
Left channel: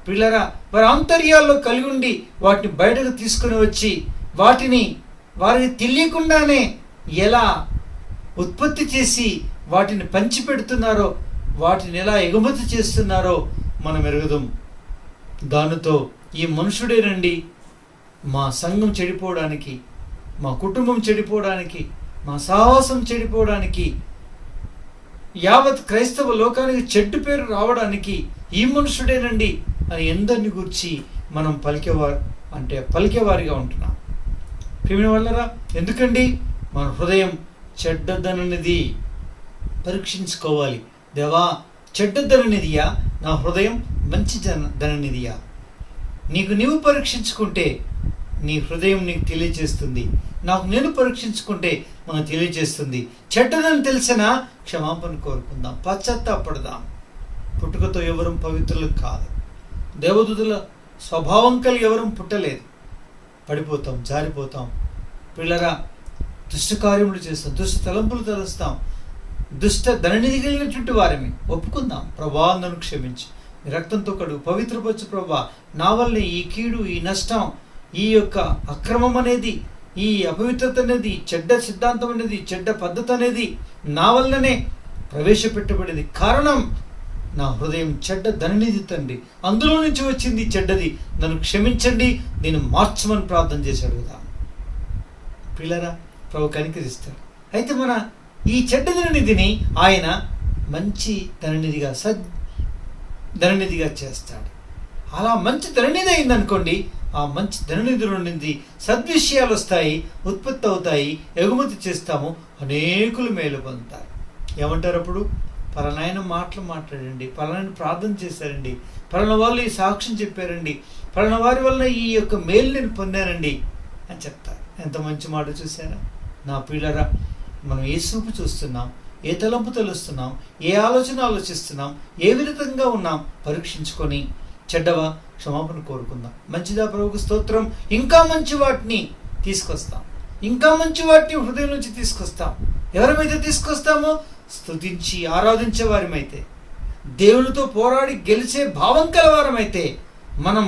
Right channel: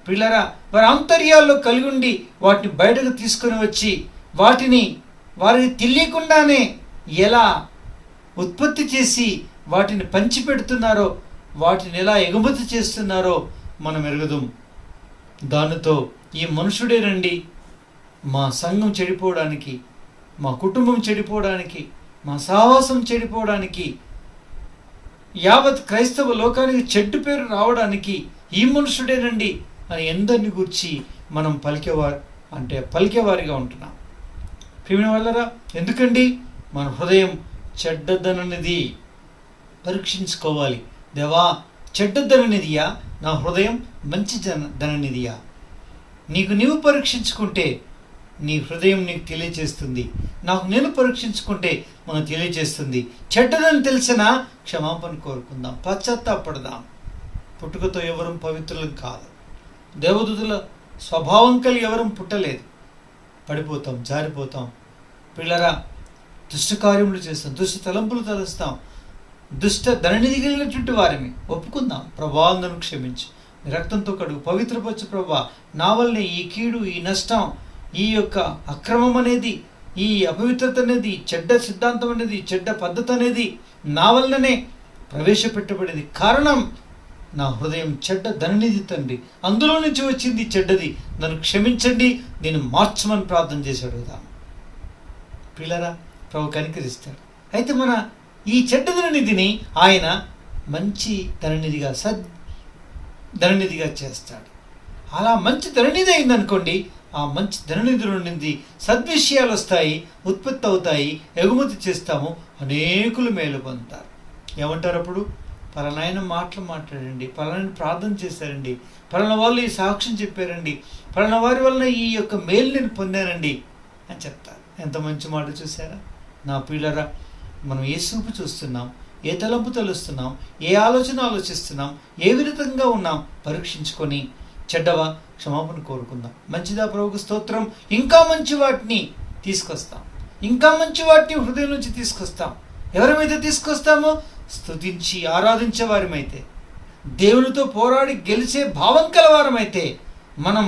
పిల్లరా వారి ఆంతర్యాల్లో కలిగి ఉండి వాటిని బయటకు తీసుకొని వచ్చి వాటిని వారికి తెలియకుండానే ఎలా ఉత్పత్తి చేసి వాటిని పంచిపెడుతున్నారో, వాటిని ఎలా ఎగుమతి చేస్తున్నారో మనం ఎరుగుదాం. దానితో ఈ మనుషుడేనండి మా సంఘం చెడిపోవడానికి, మా కుటుంబం చెడిపోవడానికి, మా సహవాసం చెడిపోవడానికి, యావత్ క్రైస్తవ లోకానికి చెడ్డు పేరు రావడానికి ఈ మనుషుడేనండి అని ఎందరిని గురించి మనం పలికేవారిగా ఉంటున్నాం. ప్రియమైన వాళ్ళరా, ఎందుకండి? మన హృదయం చెడ్డదననిది పరీక్షించుకోవాలి. దేవా, చెడ్డదననిదియా నా హృదయం, మంచి ధననిదియా? నీవు పరీక్షించుకుంటే నీ హృదయం నీకు తెలియజేస్తుంది, నాకు నేను పరీక్షించుకుంటే మనకు తెలియజేస్తుంది. చెడ్డదని తెలిసినా క్షమాపణ కోరుకుందాం, పశ్చాత్తాపడదాం. పుట్టుకతో ఎవరు పవిత్రులు కాదు, దేవదూతుల స్వభావం కలిగి ఎవరు పుట్టలేదు. పడిపోతాం, జారిపోతాం. పిల్లరా, దుష్ట కార్యములు చేస్తాం, దుష్ట తలంపులు తలుస్తాం, దుష్ట ధననిధి కలిగినటువంటి వారిని ఒప్పుకుందాం. ప్రభా, నన్ను క్షమించి నీ రక్తంతో కడుగు, పవిత్రపరచు ప్రభా. నా వల్లే ఈ కీడు, ఈ నష్టం, ఈ యొక్క అక్రమం అనేది, ఈ అపవిత్రత అనేది, చెడ్డ సిద్ధాంతం అనేది, చెడ్డ పద్ధతి అనేది నా వల్లనే ప్రవేశపెట్టబడింది. కారణం నా హృదయం చెడ్డ ధననిధి తండ్రి, అందులో నుంచి వచ్చింది చెడ్డది, నన్ను క్షమించండి, నేను మార్చమని ప్రార్థన చేసి అడుగుతాను. పిల్లరా, ప్రభు కనికరిస్తాడు. అయితే మన ఈ చెడ్డ ధననిధిని ఆయన మంచి ధననిధిగా, ధననిధిగా చేస్తాడు. అలా మంచి ధననిధి అయిందనుకోండి, ఆ మంచి ధననిధిలో నుండి సద్విషయాలు వస్తాయి, ఉత్పత్తి అవుతాయి, ఎగుమతి చేస్తాము, అనేకులు మేలు పొందుతారు. ఏమంటారు అప్పుడు? పలానాయన మాటలు మాట్లాడండి, పలానా ప్రార్థన చేశారండి, పలానా వాళ్ళు ఈ సాక్ష్యం చెప్పారండి, పలానా వారి వల్ల ఈ యొక్క మేలు నేను పొందానండి అని చెప్తారు. ఎంత మంచి మాట చూసారా నా పిల్లరా? మనం ఏ చూపు చూస్తున్నాం, ఏ తలంపు తెలుస్తున్నాం, ఏ ఆలోచన ఆలోచిస్తున్నాం, ఏ విధంగా ఉన్నాం పరీక్షించుకొని చెడ్డవా క్షమాపణ కోరుకుందాం. మంచిదా ప్రభువుకు స్తోత్రం. ఇంకా మంచి వాటిని తీసుకొస్తాం, ఇంకా మంచి వాటిని హృదయం నుంచి తీసుకొస్తాం. ఎవరిమైతే తీసుకొస్తామో స్తుతించి ఆరాధించే వారమైతే, దేవునితో పోరాడి గెలిచే భావం కలవారమైతే, మనం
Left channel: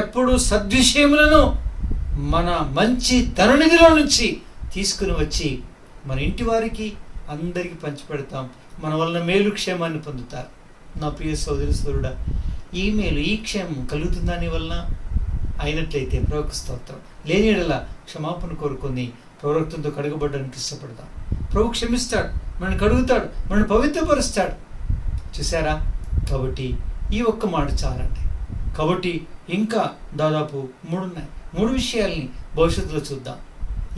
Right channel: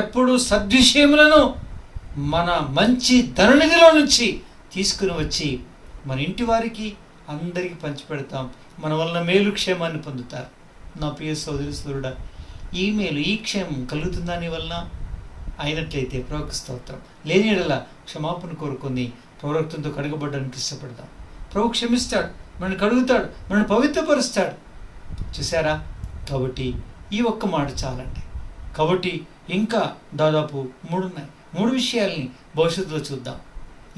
ఎప్పుడు సద్విషయములను మన మంచి ధననిధిలో నుంచి తీసుకుని వచ్చి మన ఇంటి వారికి అందరికీ పంచిపెడతాం. మన వలన మేలు క్షేమాన్ని పొందుతారు. నా ప్రియ సోదరి సోదరుడా, ఈ మేలు ఈ క్షేమం కలుగుతుందా నీ వలన? అయినట్లయితే ప్రభువుకు స్తోత్రం. లేని యెడల క్షమాపణ కోరుకొని ప్రవక్తంతో కడగబడ్డానికి ఇష్టపడతాం. ప్రభు క్షమిస్తాడు, మనల్ని కడుగుతాడు, మనల్ని పవిత్రపరుస్తాడు. చూసారా? కాబట్టి ఈ ఒక్క మాట చాలండి. కాబట్టి ఇంకా దాదాపు 3 ఉన్నాయి. 3 విషయాల్ని భవిష్యత్తులో చూద్దాం.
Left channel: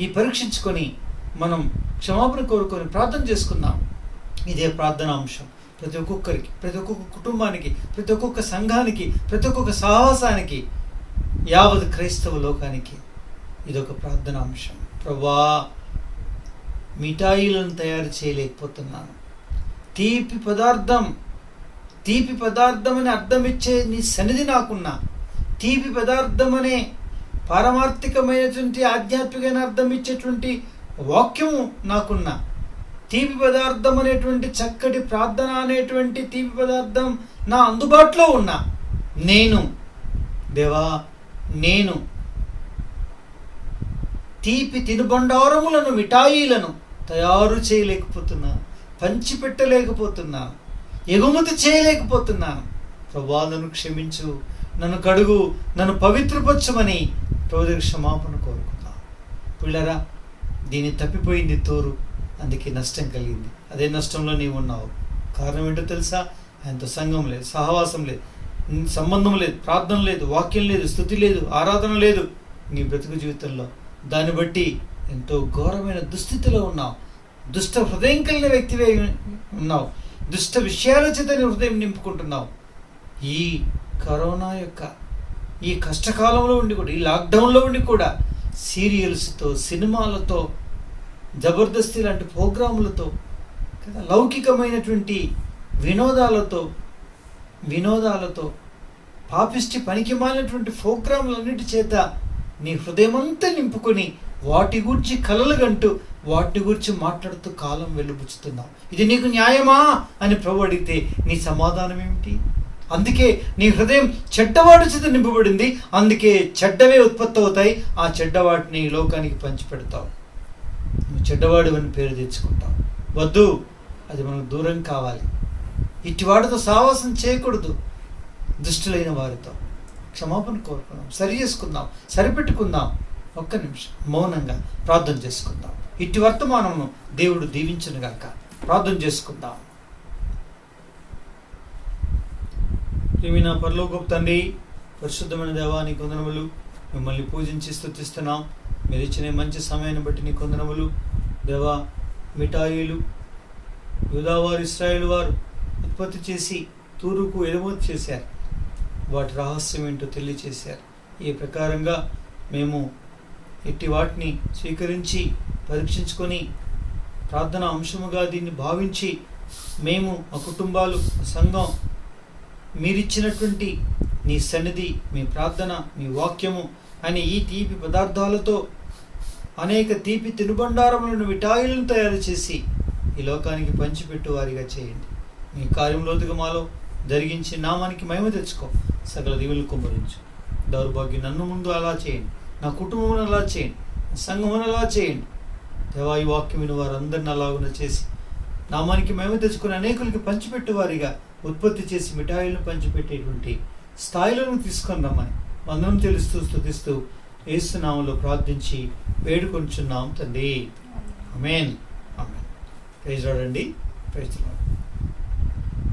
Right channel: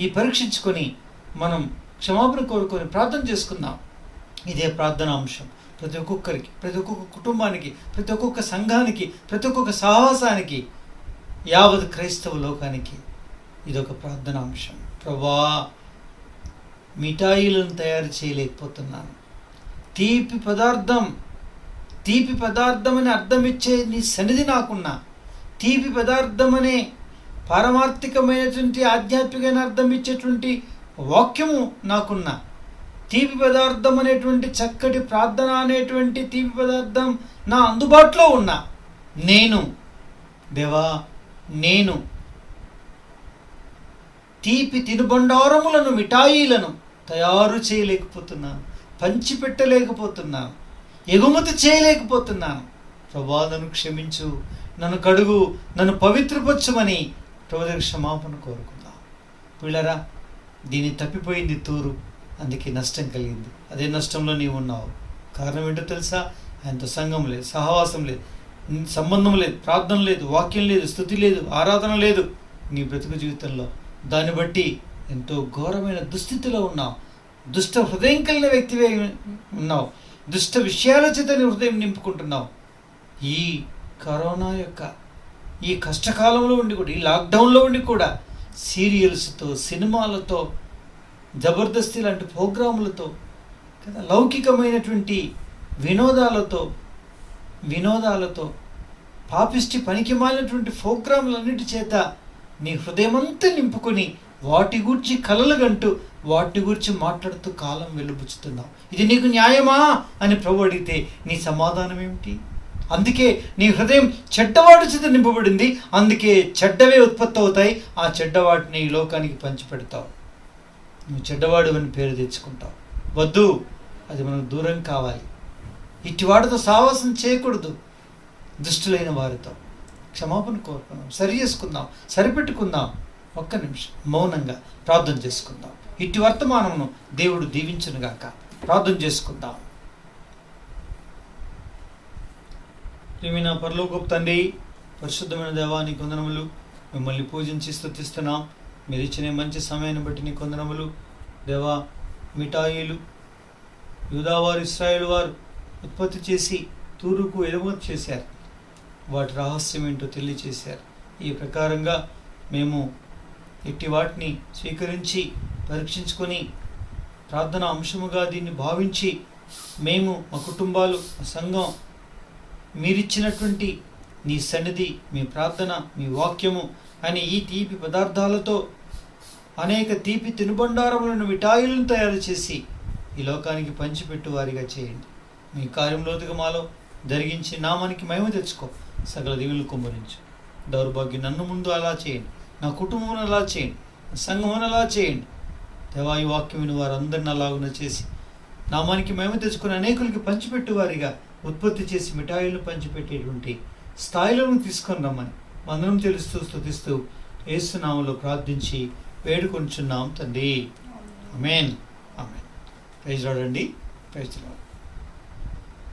ఈ పరీక్షించుకొని మనం క్షమాపణ కోరుకొని ప్రార్థన చేసుకుందాం. ఇదే ప్రార్థన అంశం ప్రతి ఒక్కొక్కరికి, ప్రతి ఒక్కొక్క కుటుంబానికి, ప్రతి ఒక్కొక్క సంఘానికి, ప్రతి ఒక్కొక్క సహవాసానికి, యావత్ క్రైస్తవ లోకానికి ఇదొక ప్రార్థన అంశం. ప్రభువా, మిఠాయిలను తయారు చేయలేకపోతున్నాను. తీపి పదార్థం అని అర్థం ఇచ్చే నీ సన్నిధి నాకున్నా, తీపి పదార్థం అనే పారమార్థికమైనటువంటి ఆధ్యాత్మికమైన అర్థం ఇచ్చేటువంటి వాక్యము నాకున్నా, తీపి పదార్థం అనేటువంటి చక్కటి ప్రార్థన అనేటువంటి తీపి పదార్థం నా అందుబాటులో ఉన్నా, నేను తీపి తినుబండారములను, మిఠాయిలను తయారు చేయలేకపోతున్నాను, పంచిపెట్టలేకపోతున్నాను, ఎగుమతి చేయలేకపోతున్నాను. ప్రభువా, నన్ను క్షమించు, నన్ను కడుగు, నన్ను పవిత్రపరచమని ప్రభువు క్షమాపణ కోరుకుందాం. పిల్లరా, దీన్ని తప్పిపోయింది తూరు, అందుకే నష్టం కలిగింది. అదే నష్టంలో నీవు ఉన్నావు. కారణం ఏంటో తెలుసా? ఆయనతో సంఘం లేదు, సహవాసం లేదు, సంబంధం లేదు, ప్రార్థన లేదు, వాక్యం లేదు, స్తుతి లేదు, ఆరాధన లేదు నీ బ్రతుకు జీవితంలో. దాన్ని బట్టి ఎంతో ఘోరమైన దుస్థితిలో ఉన్నావు. దుష్ట హృదయం కలిగిన వ్యక్తివే ఉన్నావు. దుష్ట విషయాల చేత నీ హృదయం నింపుకుంటున్నావు. ఈ కరోనా యొక్క ఈ కష్టకాలంలో ఉండి కూడా, ఈ లాక్డౌన్లో ఉండి కూడా సీరియల్స్తో, సినిమాలతో, జబర్దస్తి లాంటి ప్రోగ్రాములతో, లౌకికమైనటువంటి వినోదాలతో పాపిష్టి పనికిమాలినటువంటి ప్రోగ్రాములన్నిటి చేత నీ హృదయమంతా నింపుకొని వాటి గురించి కలలు గంటూ వాటి గురించి మాట్లాడుతూ కాలం వెలుబుచ్చుతున్నావు. ఇది నీకు న్యాయమా అని ప్రభు అడిగితే నీ సమాధానం ఏమిటి? అందుకే నీ హృదయం చెడ్డవాడి చేత నింపబడింది. అందుకే చెడ్డవే ఉత్పత్తి అవుతాయి. ఆ చెడ్డవాటిని ఈ లోకానికి పంచిపెడతావు. నువ్వు చెడ్డవాడు అని పేరు తెచ్చుకుంటావు. వద్దు, అది మనకు దూరం కావాలి. ఇటివాడితో సావాసం చేయకూడదు. దుష్టులైన వారితో క్షమాపణ కోరుకుందాం, సరి చేసుకుందాం, సరిపెట్టుకుందాం. ఒక్క నిమిషం మౌనంగా ప్రార్థన చేసుకుందాం. ఇట్టి వర్తమానమును దేవుడు దీవించునుగాక. ప్రార్థన చేసుకుందాం. ప్రియమైన పరలోకపు తండ్రి, పరిశుద్ధమైన దేవా, నీ వందనములు. మిమ్మల్ని పూజించి స్తుతిస్తున్నాం. మీరు ఇచ్చిన మంచి సమయాన్ని బట్టి నీ వందనములు దేవా. మిఠాయిలు యూదావారు, ఇశ్రాయేలు వారు ఉత్పత్తి చేసి తూరుకు ఎగుమతి చేశారు. వాటి రహస్యం ఏంటో తెలియచేశారు. ఈ ప్రకారంగా మేము ఇట్టి వాటిని స్వీకరించి పరీక్షించుకొని ప్రార్థన అంశముగా దీన్ని భావించి మేము, మా కుటుంబాలు, మా సంఘం మీరిచ్చినటువంటి నీ సన్నిధి, మీ ప్రార్థన, మీ వాక్యము అని ఈ తీపి పదార్థాలతో అనేక తీపి తినుబండారములను, మిఠాయిలను తయారు చేసి ఈ లోకానికి పంచిపెట్టు వారిగా చేయండి. మీ కార్యంలోతుగా మాలో జరిగించి నామానికి మహిమ తెచ్చుకో. సకల దీవులు కుమ్మరించు. దౌర్భాగ్యం నన్ను ముందు అలా చేయండి, నా కుటుంబం అలా చేయండి, నా సంఘం అలా చేయండి. దేవా, ఈ వాక్యమైన వారందరిని అలాగున చేసి నామానికి మహిమ తెచ్చుకుని అనేకులకి పంచిపెట్టు వారిగా ఉత్పత్తి చేసి మిఠాయిలను పంచిపెట్టేటువంటి స్థాయిలను తీసుకొని రమ్మని అందరం తెలుస్తూ స్తుతిస్తూ యేసు నామములో ప్రార్థించి వేడుకొంచున్నాం తండ్రి. ఆమేన్. ఆమేన్. ప్రైజ్ లార్డ్ అండి. Praise lord.